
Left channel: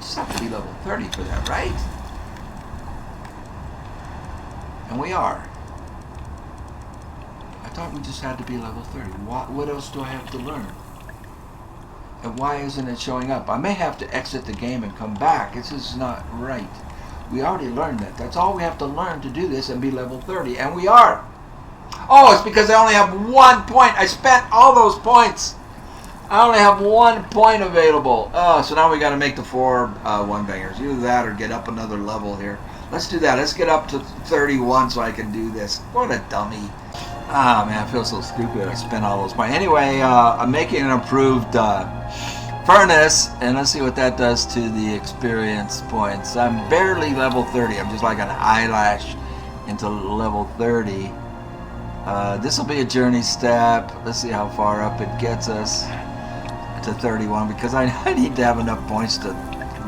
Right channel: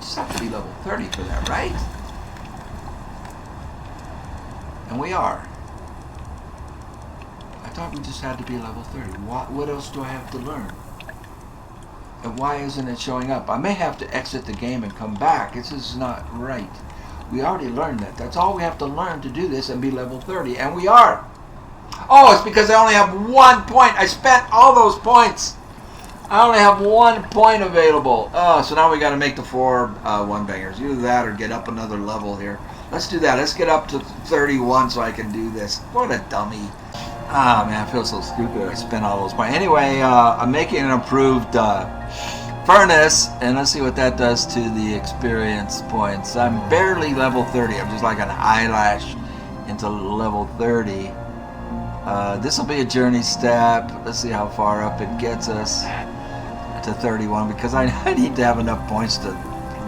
just have to be level 30 for that, right? And we are. I thought we just had to be level 30. What else do I have to learn? And why isn't it showing up? I may have to exit the game and come back. This is not right. We already learned that. That's all we have to learn to do this and be level 30. And we are. Oh, it's because I only have 1 point. I spent all those points. I only have 1 point available. Oh, so now we got to make the 4 one-bangers. Either that or get up another level here. Let's do that. Let's get up to 31 so I can do this. What a dummy. Ah, man, I feel so stupid. I spent all those points. Anyway, I'm making an improved furnace, and let's see what that does to the experience points. I'm barely level 30. I'm just like an eyelash into level 30. This will be a journey step. Let's see how far up it gets us to 31, because I need to have enough points to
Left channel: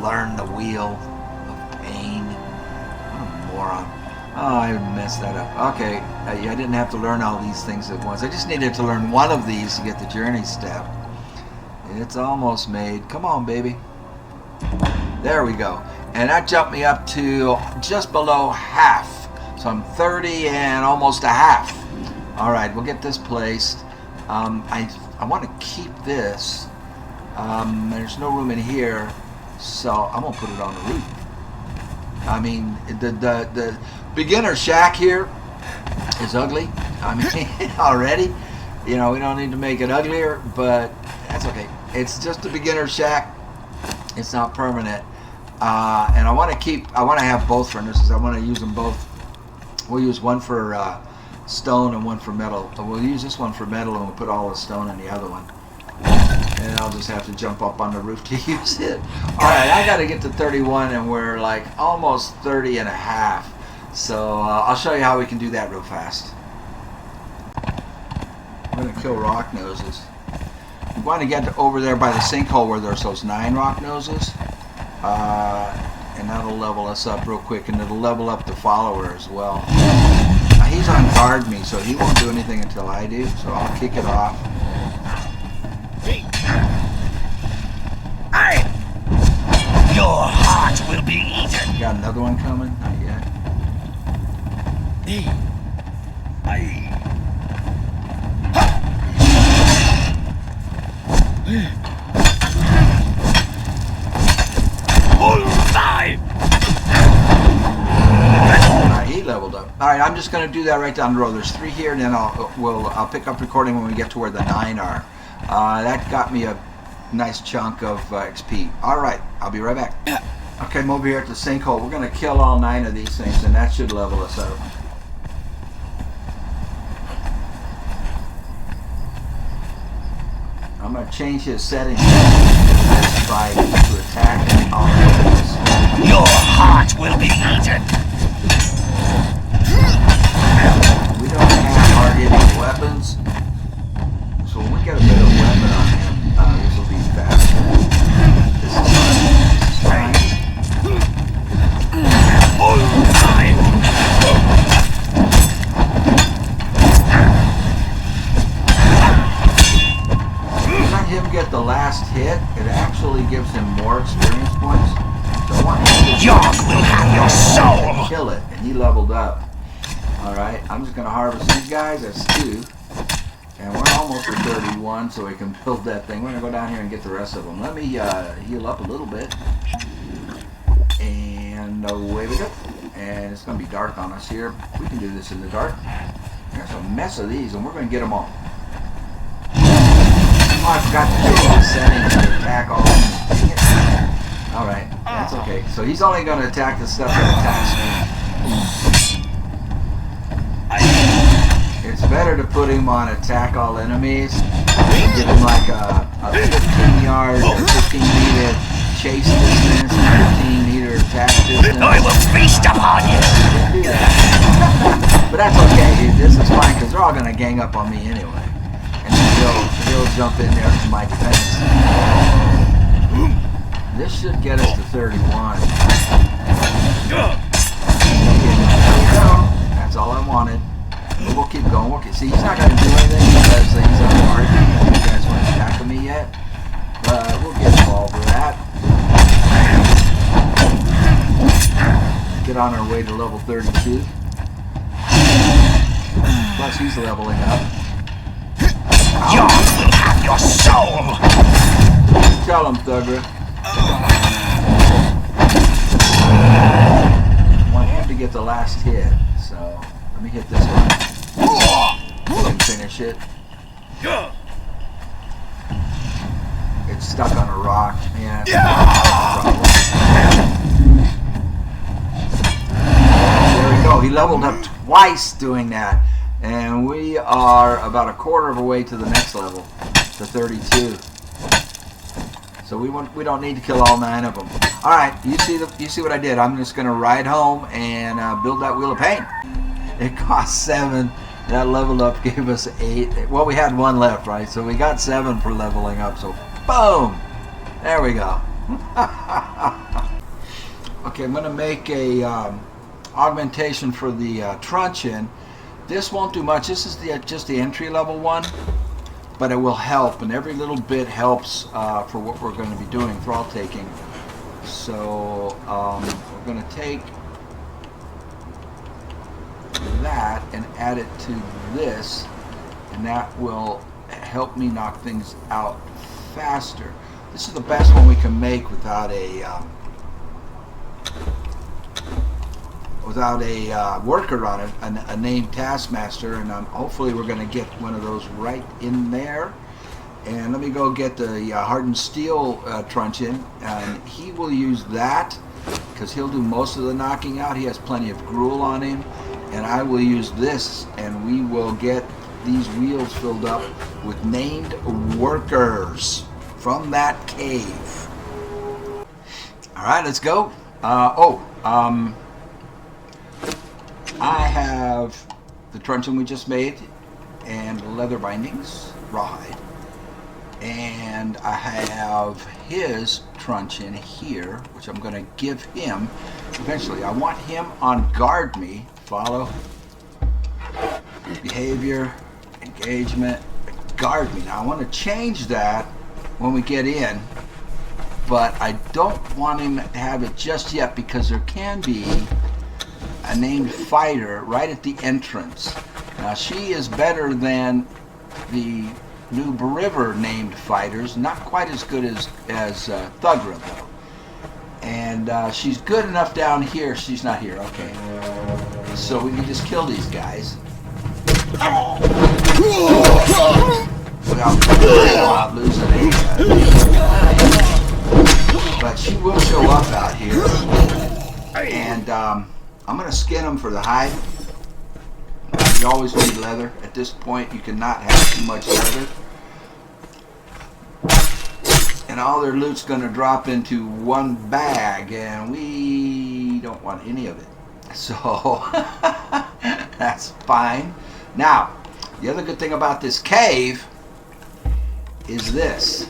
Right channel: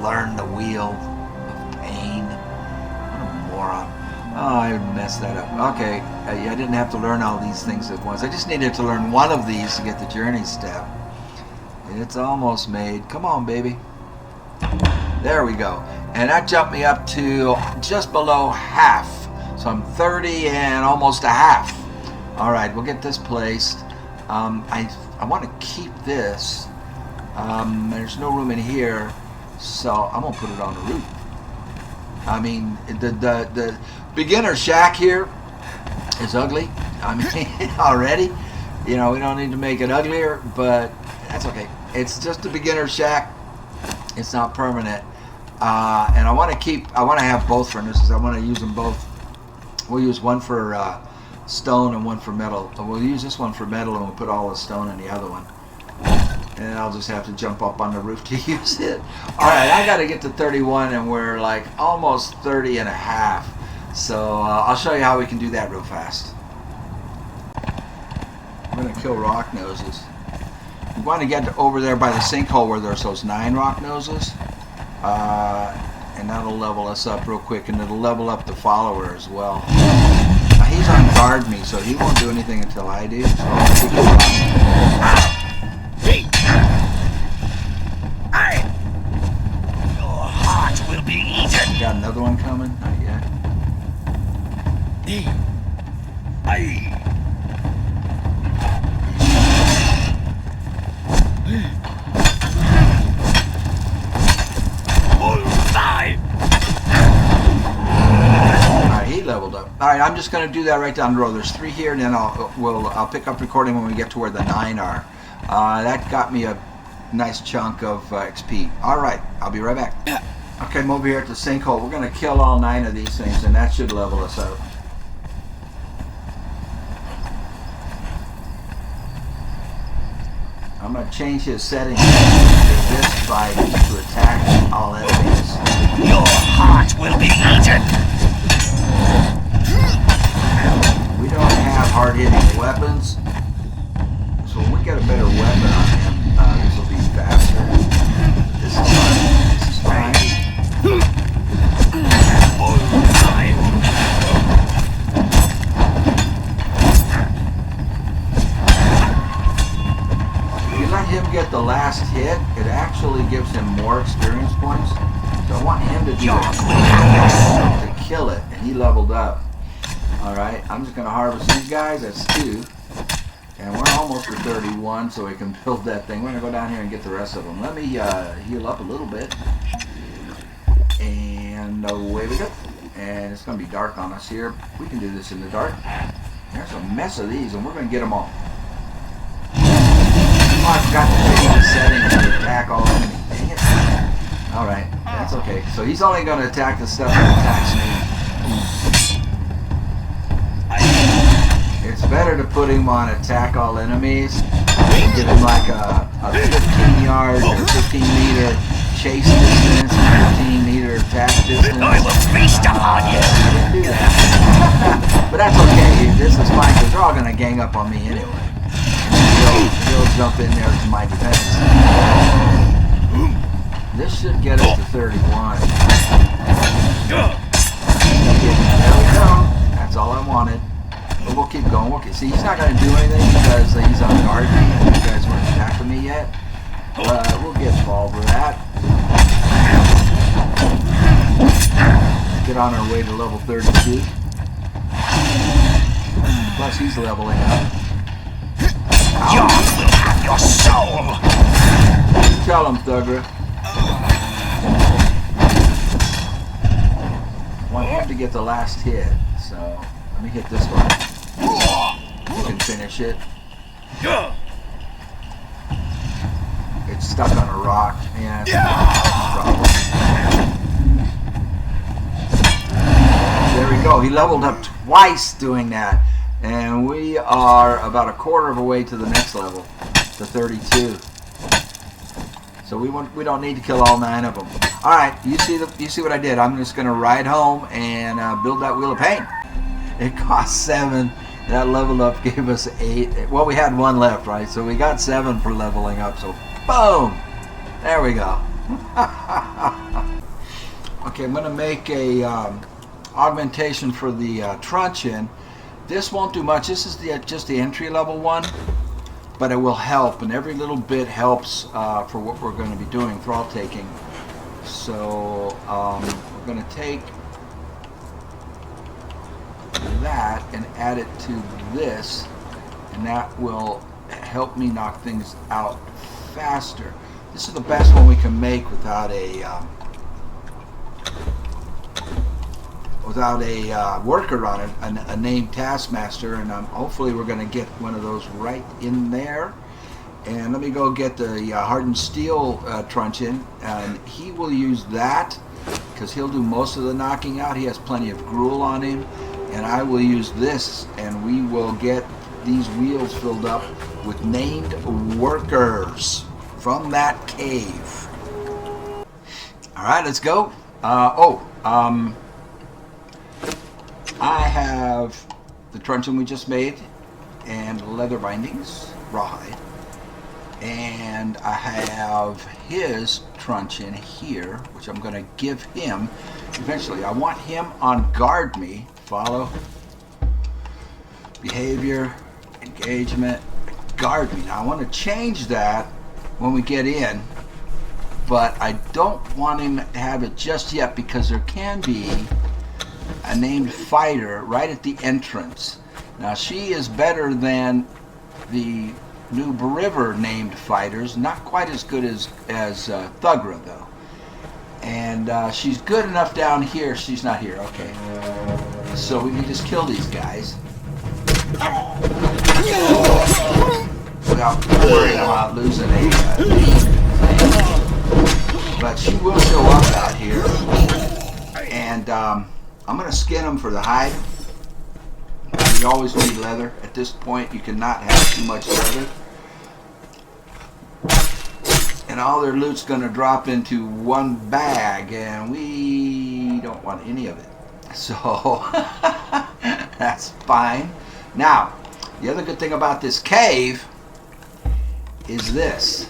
learn the wheel of pain. What a moron. Oh, I messed that up. Okay, I didn't have to learn all these things at once. I just needed to learn one of these to get the journey step. It's almost made. Come on, baby. There we go. And that jumped me up to just below half. So I'm 30 and almost a half. All right, we'll get this placed. I want to keep this. There's no room in here, so I'm gonna put it on the roof. I mean, the beginner shack here is ugly. I mean, already. You know, we don't need to make it uglier, but that's okay. It's just a beginner shack. It's not permanent. And I want to have both furnaces. I want to use them both. We'll use one for stone and one for metal. We'll use this one for metal, and we'll put all the stone in the other one. And I'll just have to jump up on the roof to use it. Alright, I got to get to 31, and we're like almost 30 and a half. So I'll show you how we can do that real fast. I'm going to kill rock noses. We want to get over there by the sinkhole where there's those 9 rock noses. And that'll level us up real quick, and it'll level up the follower as well. Now, he's on guard me, so he won't do anything until I do. So I'll keep him on. Your heart will be eaten. Got another one coming? Not yet. He leveled up. Alright, I'm just going to do that right down the road. There's 3 here, and then I'll pick up recording when we get to where the 9 are. That got me a nice chunk of XP. Alright, I'll be right back. Okay, I'm over here at the sinkhole. We're going to kill all 9 of these things, and that should level us up. I'm going to change his settings by to attack all enemies. Your heart will be eaten. We don't have hard-hitting weapons, so when we get a better weapon, this will be faster. This is fine. Let him get the last hit. It actually gives him more experience points. So I want him to York will have your soul. kill it, and he leveled up. Alright, I'm just going to harvest these guys. That's 2. And we're almost at 31, so I can build that thing. We're going to go down here and get the rest of them. Let me heal up a little bit. And away with it. And it's going to be dark on us here. We can do this in the dark. There's a mess of these, and we're going to get them all. Alright, that's okay. So he's only going to attack the stuff It's better to put him on attack all enemies. Give him like a 15-yard, 15-meter chase distance, 15-meter attack distance. I will feast upon you. But that's okay. This is fine, because they're all going to gang up on me anyway. They'll jump in there to my defense. This should get us to 31. That's all I wanted. We'll keep going. See, he's not going to do anything because he's on guard. He doesn't want to attack me yet. We'll get all over that. Get on our way to level 32. Plus, he's leveling up. York will have your soul. tell him, Thugger. I want him to get the last hit, so let me hit this one. Finish it. It's stuck on a rock, and there we go. He leveled up twice doing that, and we are about a quarter of a way to the next level, to 32. So we don't need to kill all 9 of them. All right, you see what I did? I'm just gonna ride home and build that wheel of pain. It cost 7. That leveled up gave us 8. Well, we had 1 left, right? So we got 7 for leveling up. So boom, there we go. Okay, I'm gonna make a augmentation for the truncheon. This won't do much. This is just the entry level one, but it will help, and every little bit helps for what we're going to be doing, thrall taking. So we're going to take that and add it to this, and that will help me knock things out faster. This is the best one we can make without a worker on it, a named taskmaster, and hopefully we're going to get one of those right in there. And let me go get the hardened steel truncheon, and he will use that because he'll do most of the knocking out. He has plenty of gruel on him, and I will use this, and we will get these wheels filled up with named workers from that cave. Alright, let's go. I have the truncheon we just made and leather bindings, rawhide, and I have his truncheon here, which I'm going to give him eventually. I want him on guard me. Follow, behavior, engagement, guard me. Now I want to change that when we get in, but I don't want him to have it just yet because there can be a named fighter right at the entrance. Now she is better than the new River named fighters, not quite as good as Thugger though. And she's good enough down here. She's not here, okay. So we can just kill these guys. Without losing any. But she will go up out here. And I'm going to skin them for the hide. You always need leather. At this point, you cannot have too much leather. And all their loot's going to drop into one bag, and we don't want any of it. So, that's fine. Now, the other good thing about this cave is this.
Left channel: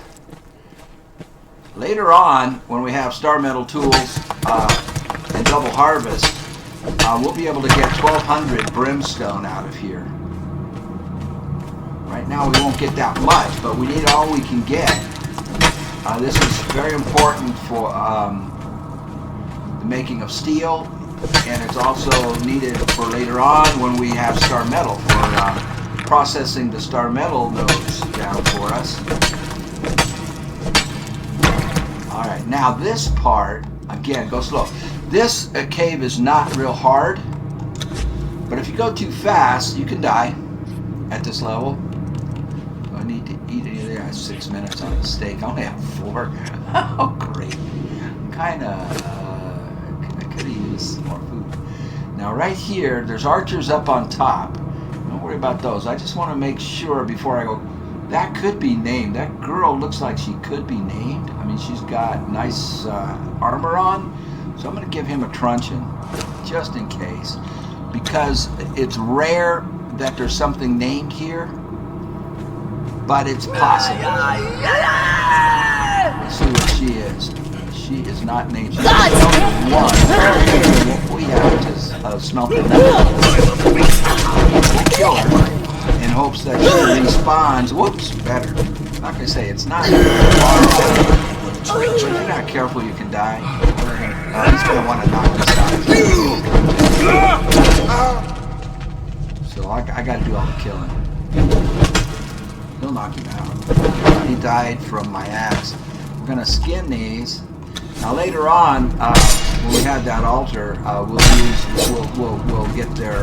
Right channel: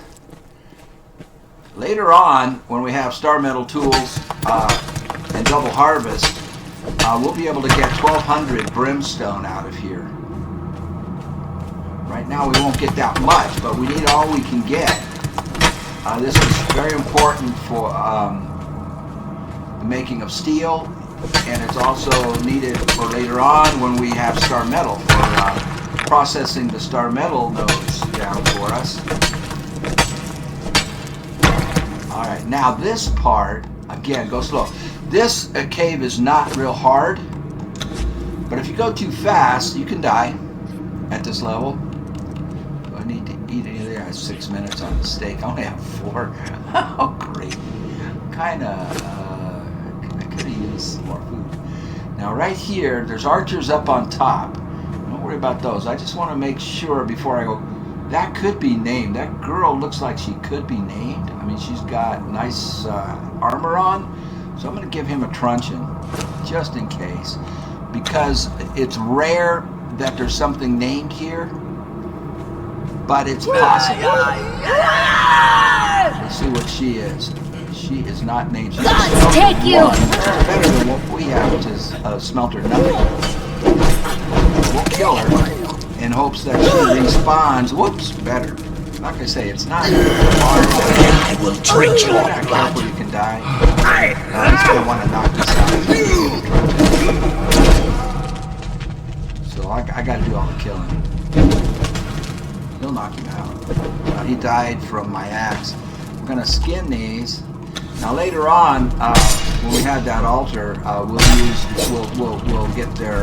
Later on, when we have star metal tools and double harvest, we'll be able to get 1,200 brimstone out of here. Right now we won't get that much, but we need all we can get. This is very important for the making of steel, and it's also needed for later on when we have star metal, for processing the star metal nodes down for us. Alright, now this part, again, go slow. This cave is not real hard, but if you go too fast, you can die at this level. I need to eat it. I have 6 minutes on the steak. I only have 4. Oh, great. I could have used some more food. Now, right here, there's archers up on top. Don't worry about those. I just want to make sure before I go. That could be named. That girl looks like she could be named. I mean, she's got nice armor on. So I'm going to give him a truncheon, just in case. Because it's rare that there's something named here. But it's possible. Let's see what she is. She is not named. Gods take you! We have to smelt it up. In hopes that she respawns. Whoops, better. Like I say, it's not. I will treat you. You're not careful, you can die. I just don't want to knock this out. So I gotta do all the killing. He'll knock him out. He died from my axe. We're gonna skin these. Now later on, when we have that altar, we'll get their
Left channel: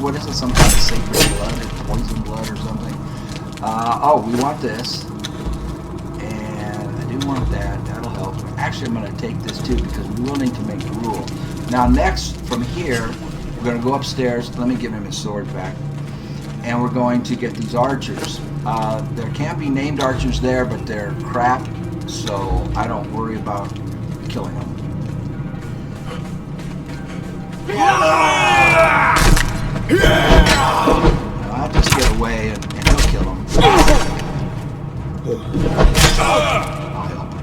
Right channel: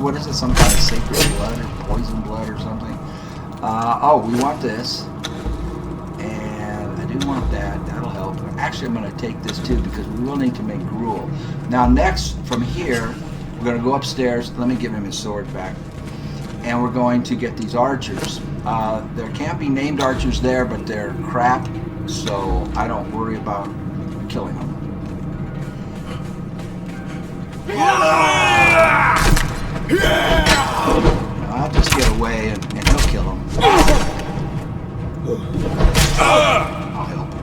what is it? Some kind of sacred blood or poison blood or something. Oh, we want this, and I do want that. That'll help. Actually, I'm gonna take this too because we will need to make gruel. Now next, from here, we're gonna go upstairs. Let me give him his sword back. And we're going to get these archers. There can't be named archers there, but they're crap, so I don't worry about killing them. I'll just get away and kill them. I'll help him.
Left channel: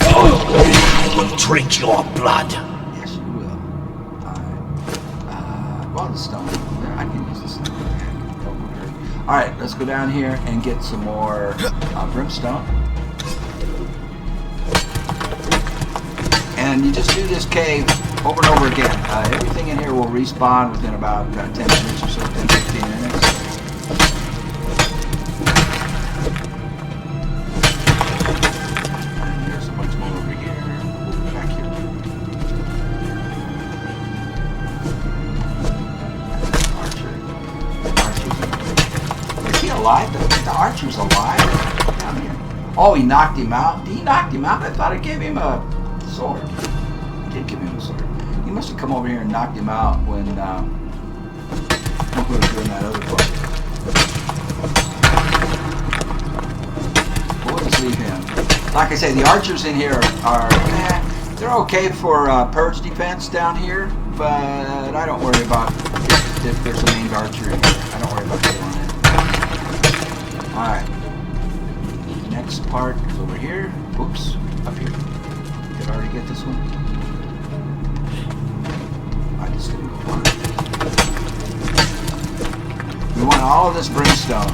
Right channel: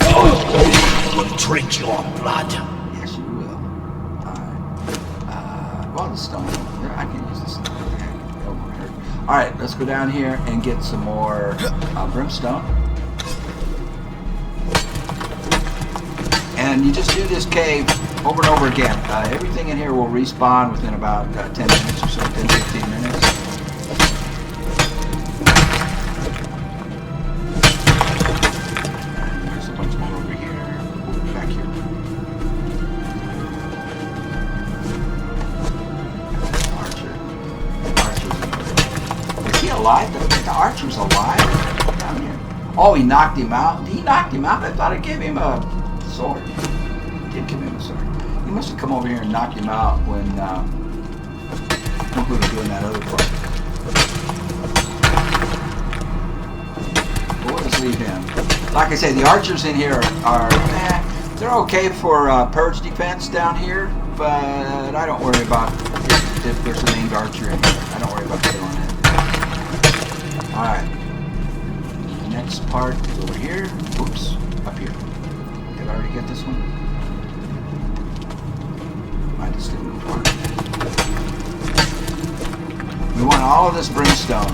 I will drink your blood. Yes, you will. Well, the stone. I can use this stone. Alright, let's go down here and get some more brimstone. And you just do this cave over and over again. Everything in here will respawn within about 10 minutes or so, 10-15 minutes. And there's a bunch more over here. Back here. The archer's alive. Oh, he knocked him out. He knocked him out. I thought I gave him a sword. I did give him a sword. He must have come over here and knocked him out when we'll leave him. Like I say, the archers in here are they're okay for purge defense down here, but I don't worry about if there's a named archer in here. I don't worry about that. Alright. The next part is over here. Oops. Up here. Everybody get this one? I just moved on. We want all of this brimstone.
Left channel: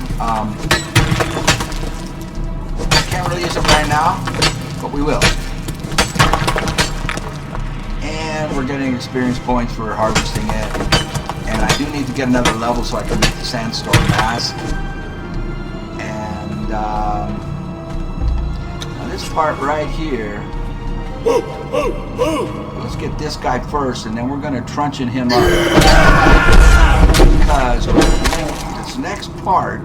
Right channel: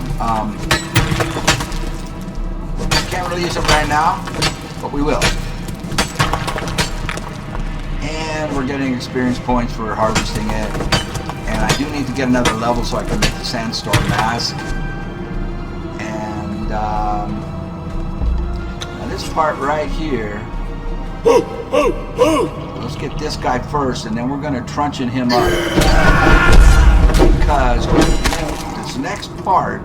Can't really use it right now, but we will. And we're getting experience points for harvesting it. And I do need to get another level so I can make the sandstone mask. Now this part right here, let's get this guy first, and then we're going to truncheon him up. Because this next part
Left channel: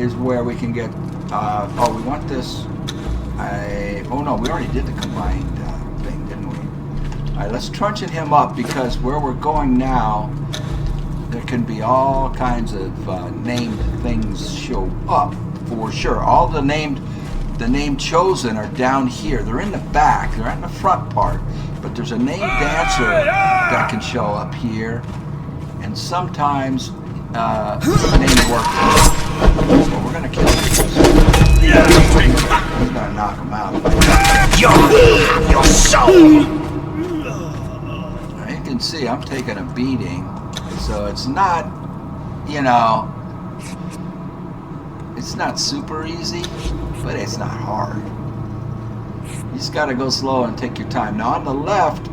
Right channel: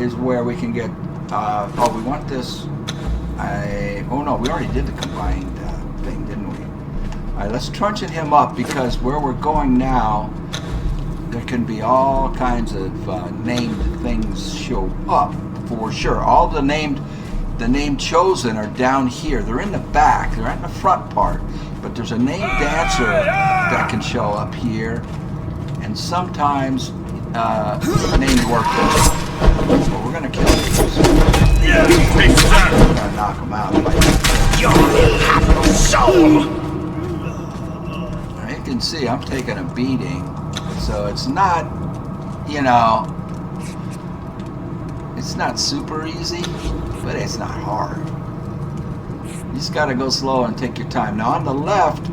is where we can get, oh, we want this, oh no, we already did the combined thing, didn't we? Alright, let's truncheon him up, because where we're going now, there can be all kinds of named things show up for sure. All the named chosen are down here. They're in the back. They're in the front part. But there's a named dancer that can show up here, and sometimes named workers. But we're gonna kill him. We're gonna knock him out. Your soul. You can see I'm taking a beating. So it's not, you know, it's not super easy, but it's not hard. You just gotta go slow and take your time. Now on the left,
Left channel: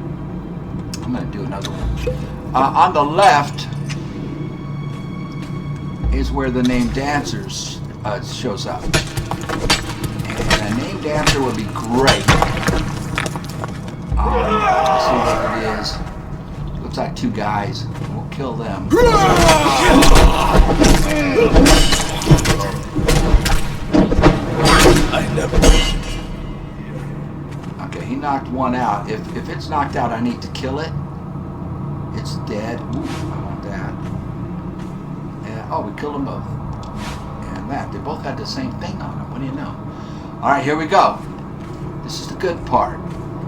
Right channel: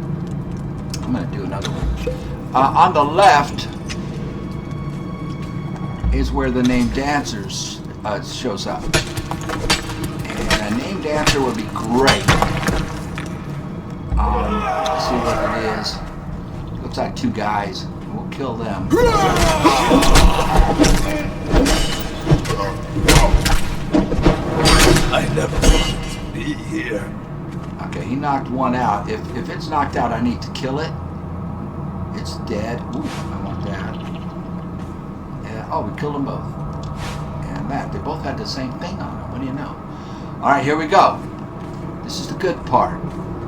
I'm gonna do another one. On the left is where the named dancers shows up. And a named dancer would be great. Let's see what it is. Looks like two guys. We'll kill them. I never wanted to be here. Okay, he knocked one out. If it's knocked out, I need to kill it. It's dead. Ooh, how about that? Yeah, oh, we killed them both. And that, they both had the same thing on them. What do you know? Alright, here we go. This is the good part.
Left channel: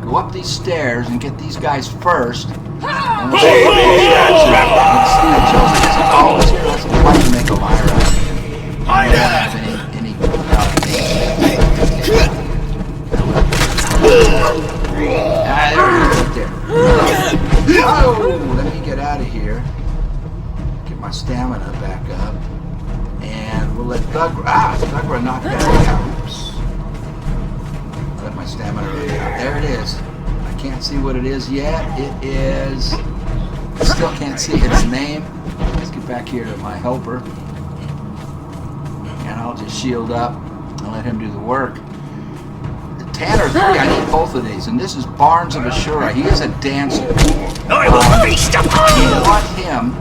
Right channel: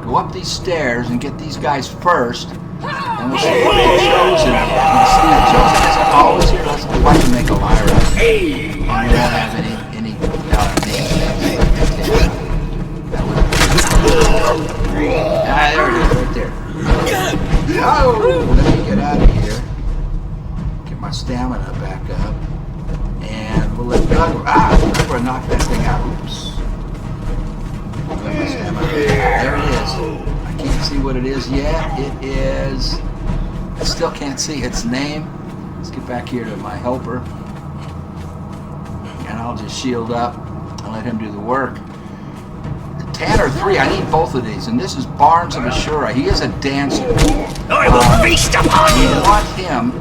Go up these stairs and get these guys first. And let's make them iron. Get out of here. Get my stamina back up. And we'll let go. We're not that out. There it is. I can't see what it is yet. It is. I still can't see its name. Let's get back here to my helper. And I'll just shield up and let him do the work. The 10 or 3, I need both of these. And this is Barnes and Ashura. He is a dancer. I will feast upon I you. want him.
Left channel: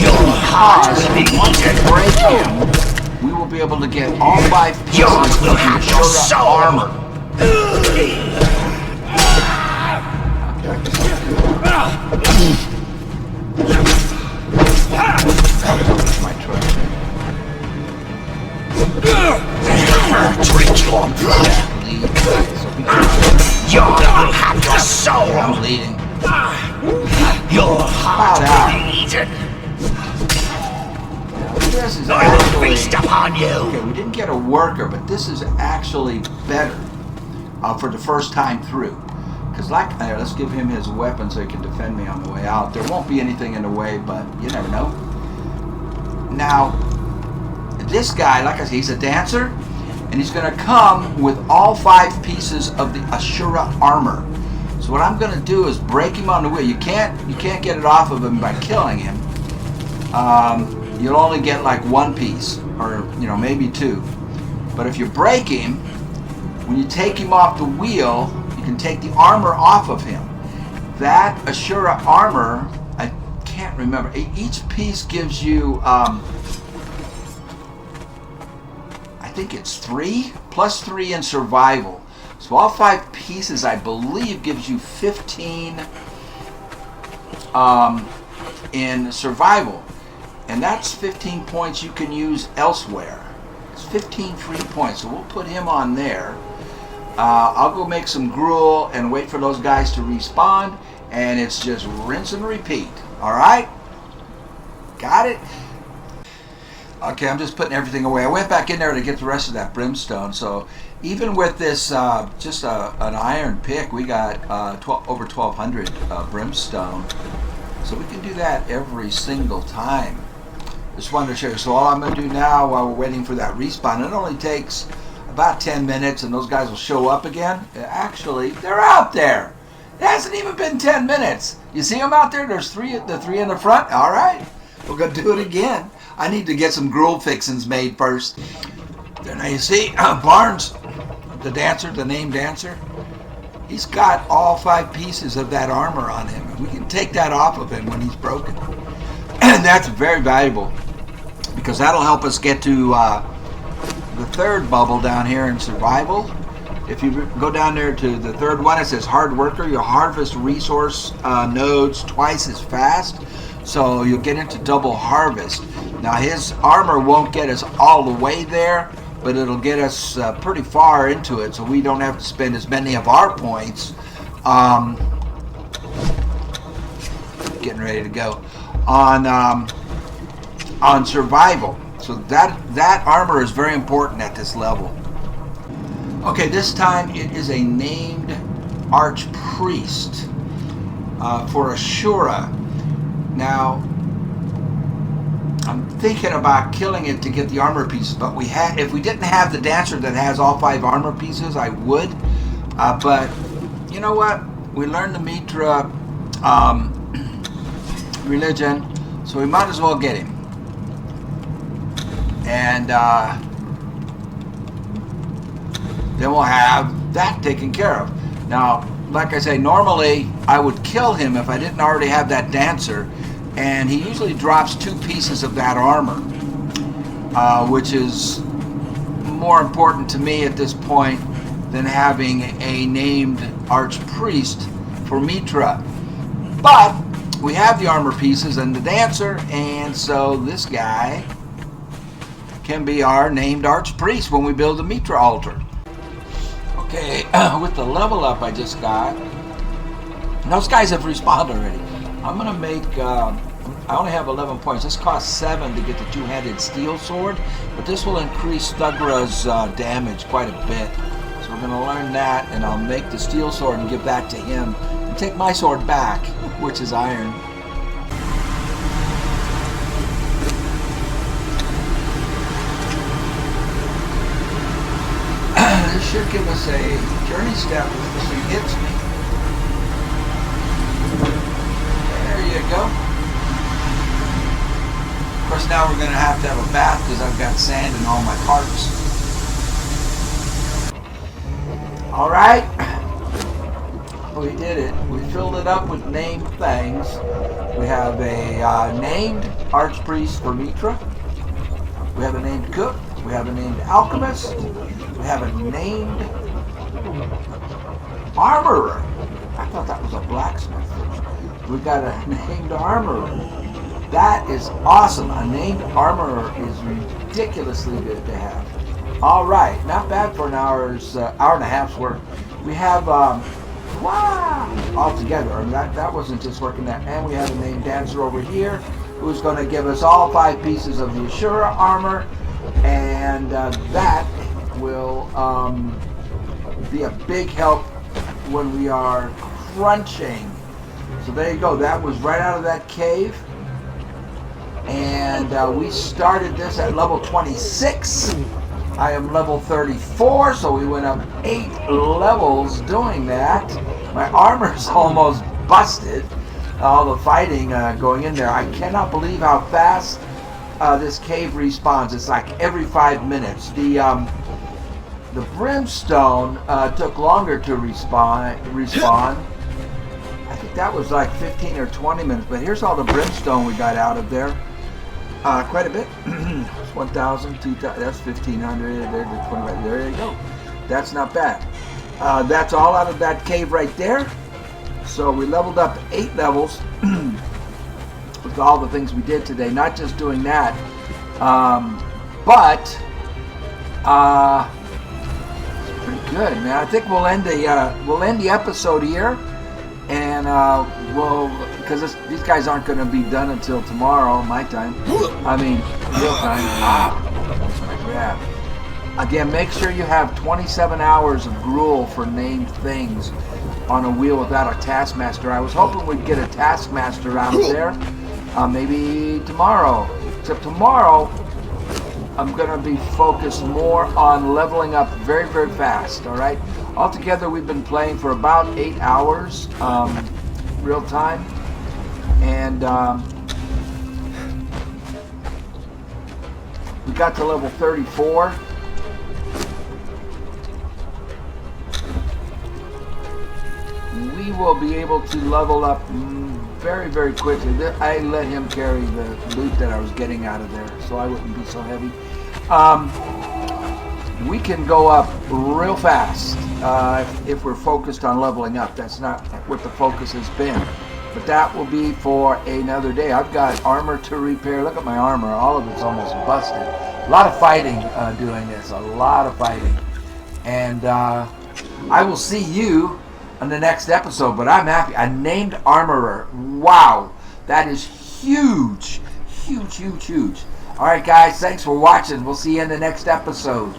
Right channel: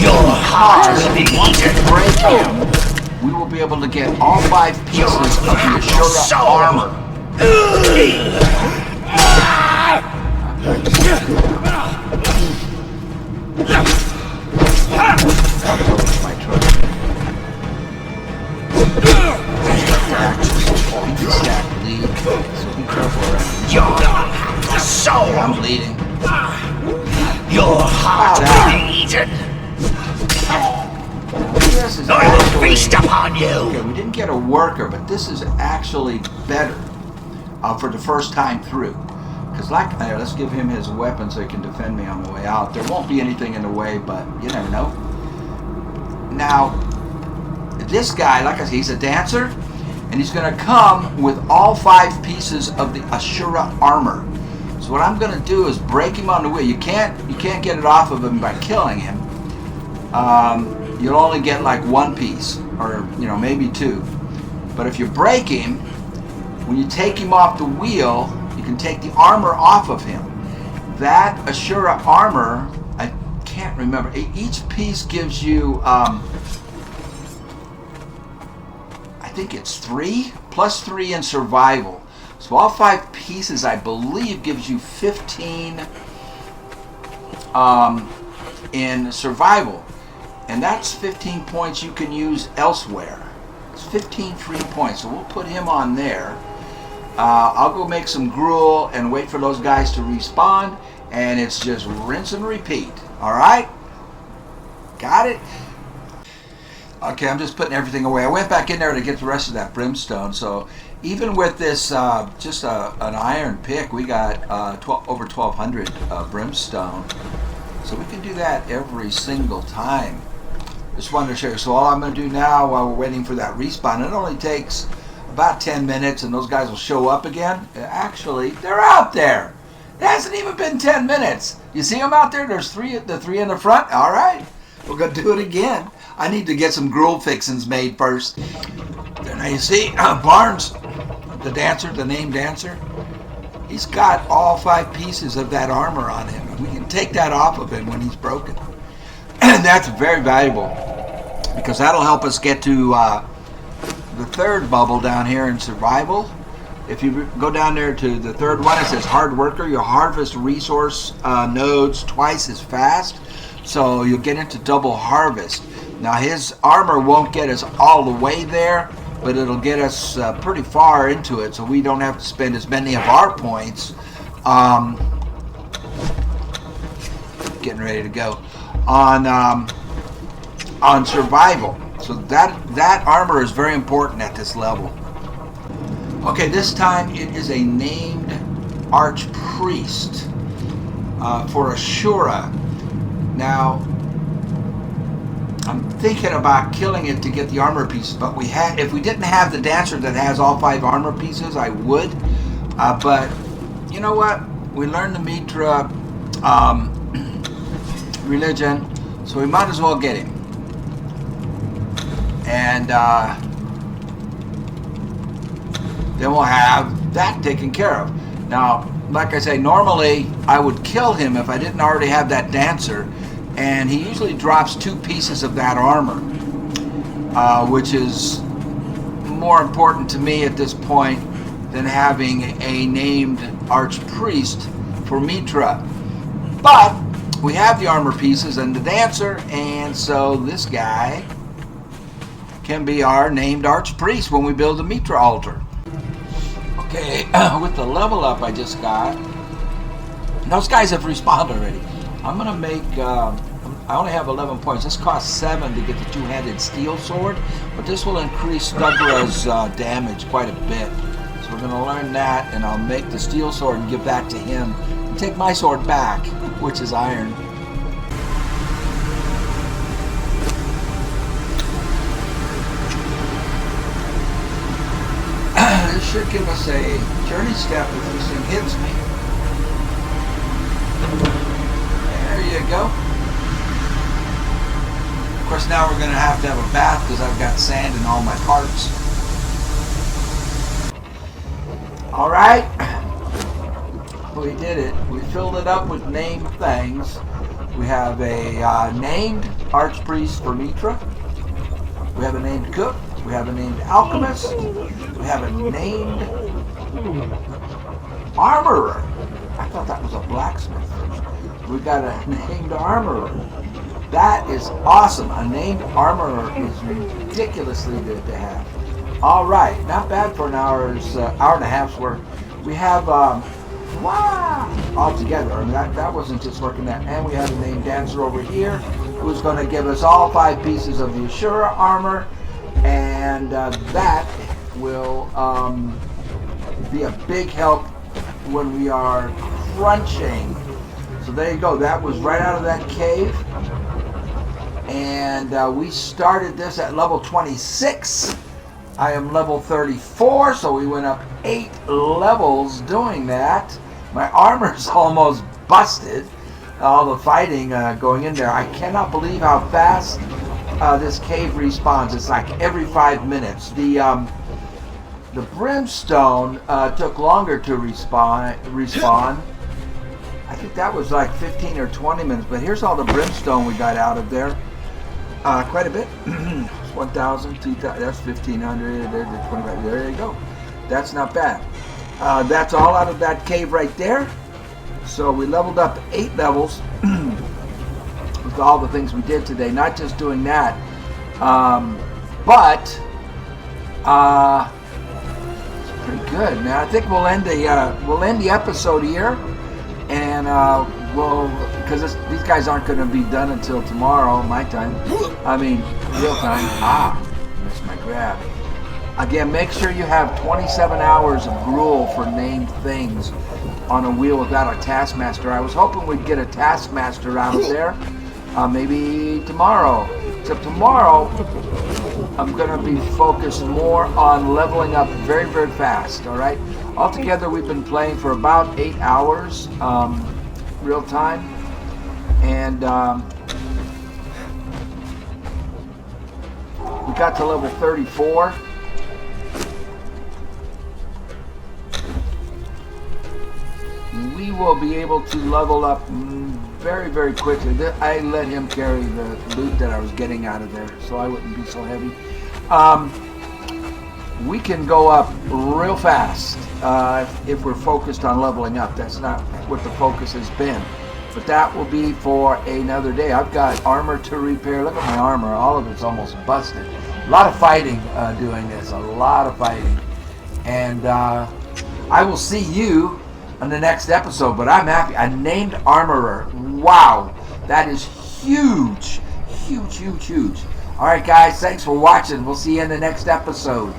Your heart will be eaten. Break him. We will be able to get all 5 pieces. Yours will have your soul. Drink your blood. Yours will have your soul. Your heart will be eaten. I will feast upon you. We didn't get a worker, but this is actually better for the first time through. Because like there, let's give him his weapon so he can defend me on the way out. There won't be anything in the way, but you never know. Now, this guy, like I said, he's a dancer, and he's going to come with all 5 pieces of the Ashura armor. So what I'm going to do is break him on the way. You can't get it off of him by killing him. You'll only get like 1 piece, or maybe 2. But if you break him, when you take him off the wheel, you can take the armor off of him. That Ashura armor, I can't remember. Each piece gives you, I think it's 3 plus 3 in survival. So all 5 pieces, I believe, gives you 15 in survival. And that's 15 points you can use elsewhere. It's 15 free points, so we'll put him on there. I'll go make some gruel and wait for those guys to respawn, and it's just rinse and repeat. Alright? Got it? Okay, I'm just putting everything away. I went back in there to get the rest of that brimstone, so even with this just an iron pick, we got over 1,200 brimstone. So we can do that every single time. Just wanted to show you. So all I'm going to do now while we're waiting for that respawn, it only takes about 10 minutes and those guys will show up again. Actually, they're out there. It hasn't even been 10 minutes. You see them out there? There's the 3 in the front. All right. We're going to do it again. I need to get some gruel fixings made first. And now you see Barnes, the dancer, the named dancer, he's got all 5 pieces of that armor on him. We can take that off of him when he's broken. And that's very valuable because that'll help us get to the 3rd bubble down here in survival. If you go down there to the 3rd one, it says hard worker. You'll harvest resource nodes twice as fast, so you'll get into double harvest. Now his armor won't get us all the way there, but it'll get us pretty far into it, so we don't have to spend as many of our points getting ready to go on survival. So that armor is very important at this level. Okay, this time it is a named archpriest for Ashura. Now I'm thinking about killing it to get the armor pieces, but if we didn't have the dancer that has all 5 armor pieces, I would. But you know what? We learned the Mitra religion, so we might as well get him. And then we'll have that taken care of. Now, like I say, normally I would kill him if I didn't already have that dancer, and he usually drops 2 pieces of that armor, which is more important to me at this point than having a named archpriest for Mitra. But we have the armor pieces and the dancer, and so this guy can be our named archpriest when we build the Mitra altar. Okay, with the level up I just got, those guys have respawned already. I'm going to make, I only have 11 points. This costs 7 to get the 2-handed steel sword, but this will increase Thugra's damage quite a bit. So we're going to learn that, and I'll make the steel sword and give that to him. Take my sword back, which is iron. This should give us a journey step if this thing hits me. There you go. Of course, now we're going to have a bath because I've got sand in all my parts. Alright, we did it. We filled it up with named things. We have a named Archpriest for Mitra. We have a named Cook. We have a named Alchemist. We have a named Armorer. I thought that was a blacksmith. We got a named Armorer. That is awesome. A named Armorer is ridiculously good to have. All right, not bad for an hour and a half's work. We have all together. That wasn't just working that. And we have a named Dancer over here who's going to give us all 5 pieces of the Ashura armor, and that will be a big help when we are crunching. So there you go. That was right out of that cave. And we started this at level 26. I am level 34, so we went up 8 levels doing that. My armor's almost busted. All the fighting going in there. I cannot believe how fast this cave respawns. It's like every 5 minutes. The brimstone took longer to respawn. I think that was like 15 or 20 minutes. But here's all the brimstone we got out of there. Quite a bit. 1,000, 2,000, that's 1,500. There you go. That's not bad. That's all out of that cave right there. So we leveled up 8 levels with all the things we did today. Not just doing that, but pretty good, man. I think we'll end the episode here, and because these guys aren't going to be done until tomorrow, my time. I mean, real time. Yeah. Again, make sure you have 27 hours of gruel for named things on a wheel without a taskmaster. I was hoping we'd get a taskmaster out there, maybe tomorrow. Except tomorrow, I'm going to be focused more on leveling up very, very fast. All right. Altogether, we've been playing for about 8 hours, real time. And we got to level 34. We will be able to level up very, very quickly. I let him carry the loot that I was getting out of there, so I wouldn't be so heavy. We can go up real fast if we're focused on leveling up. That's not what the focus has been. But that will be for another day. I've got armor to repair. Look at my armor. All of it's almost busted. A lot of fighting doing this. A lot of fighting. And I will see you on the next episode. But I'm happy. A named armorer. Wow. That is huge. Huge, huge, huge. All right, guys. Thanks for watching. We'll see you in the next episode.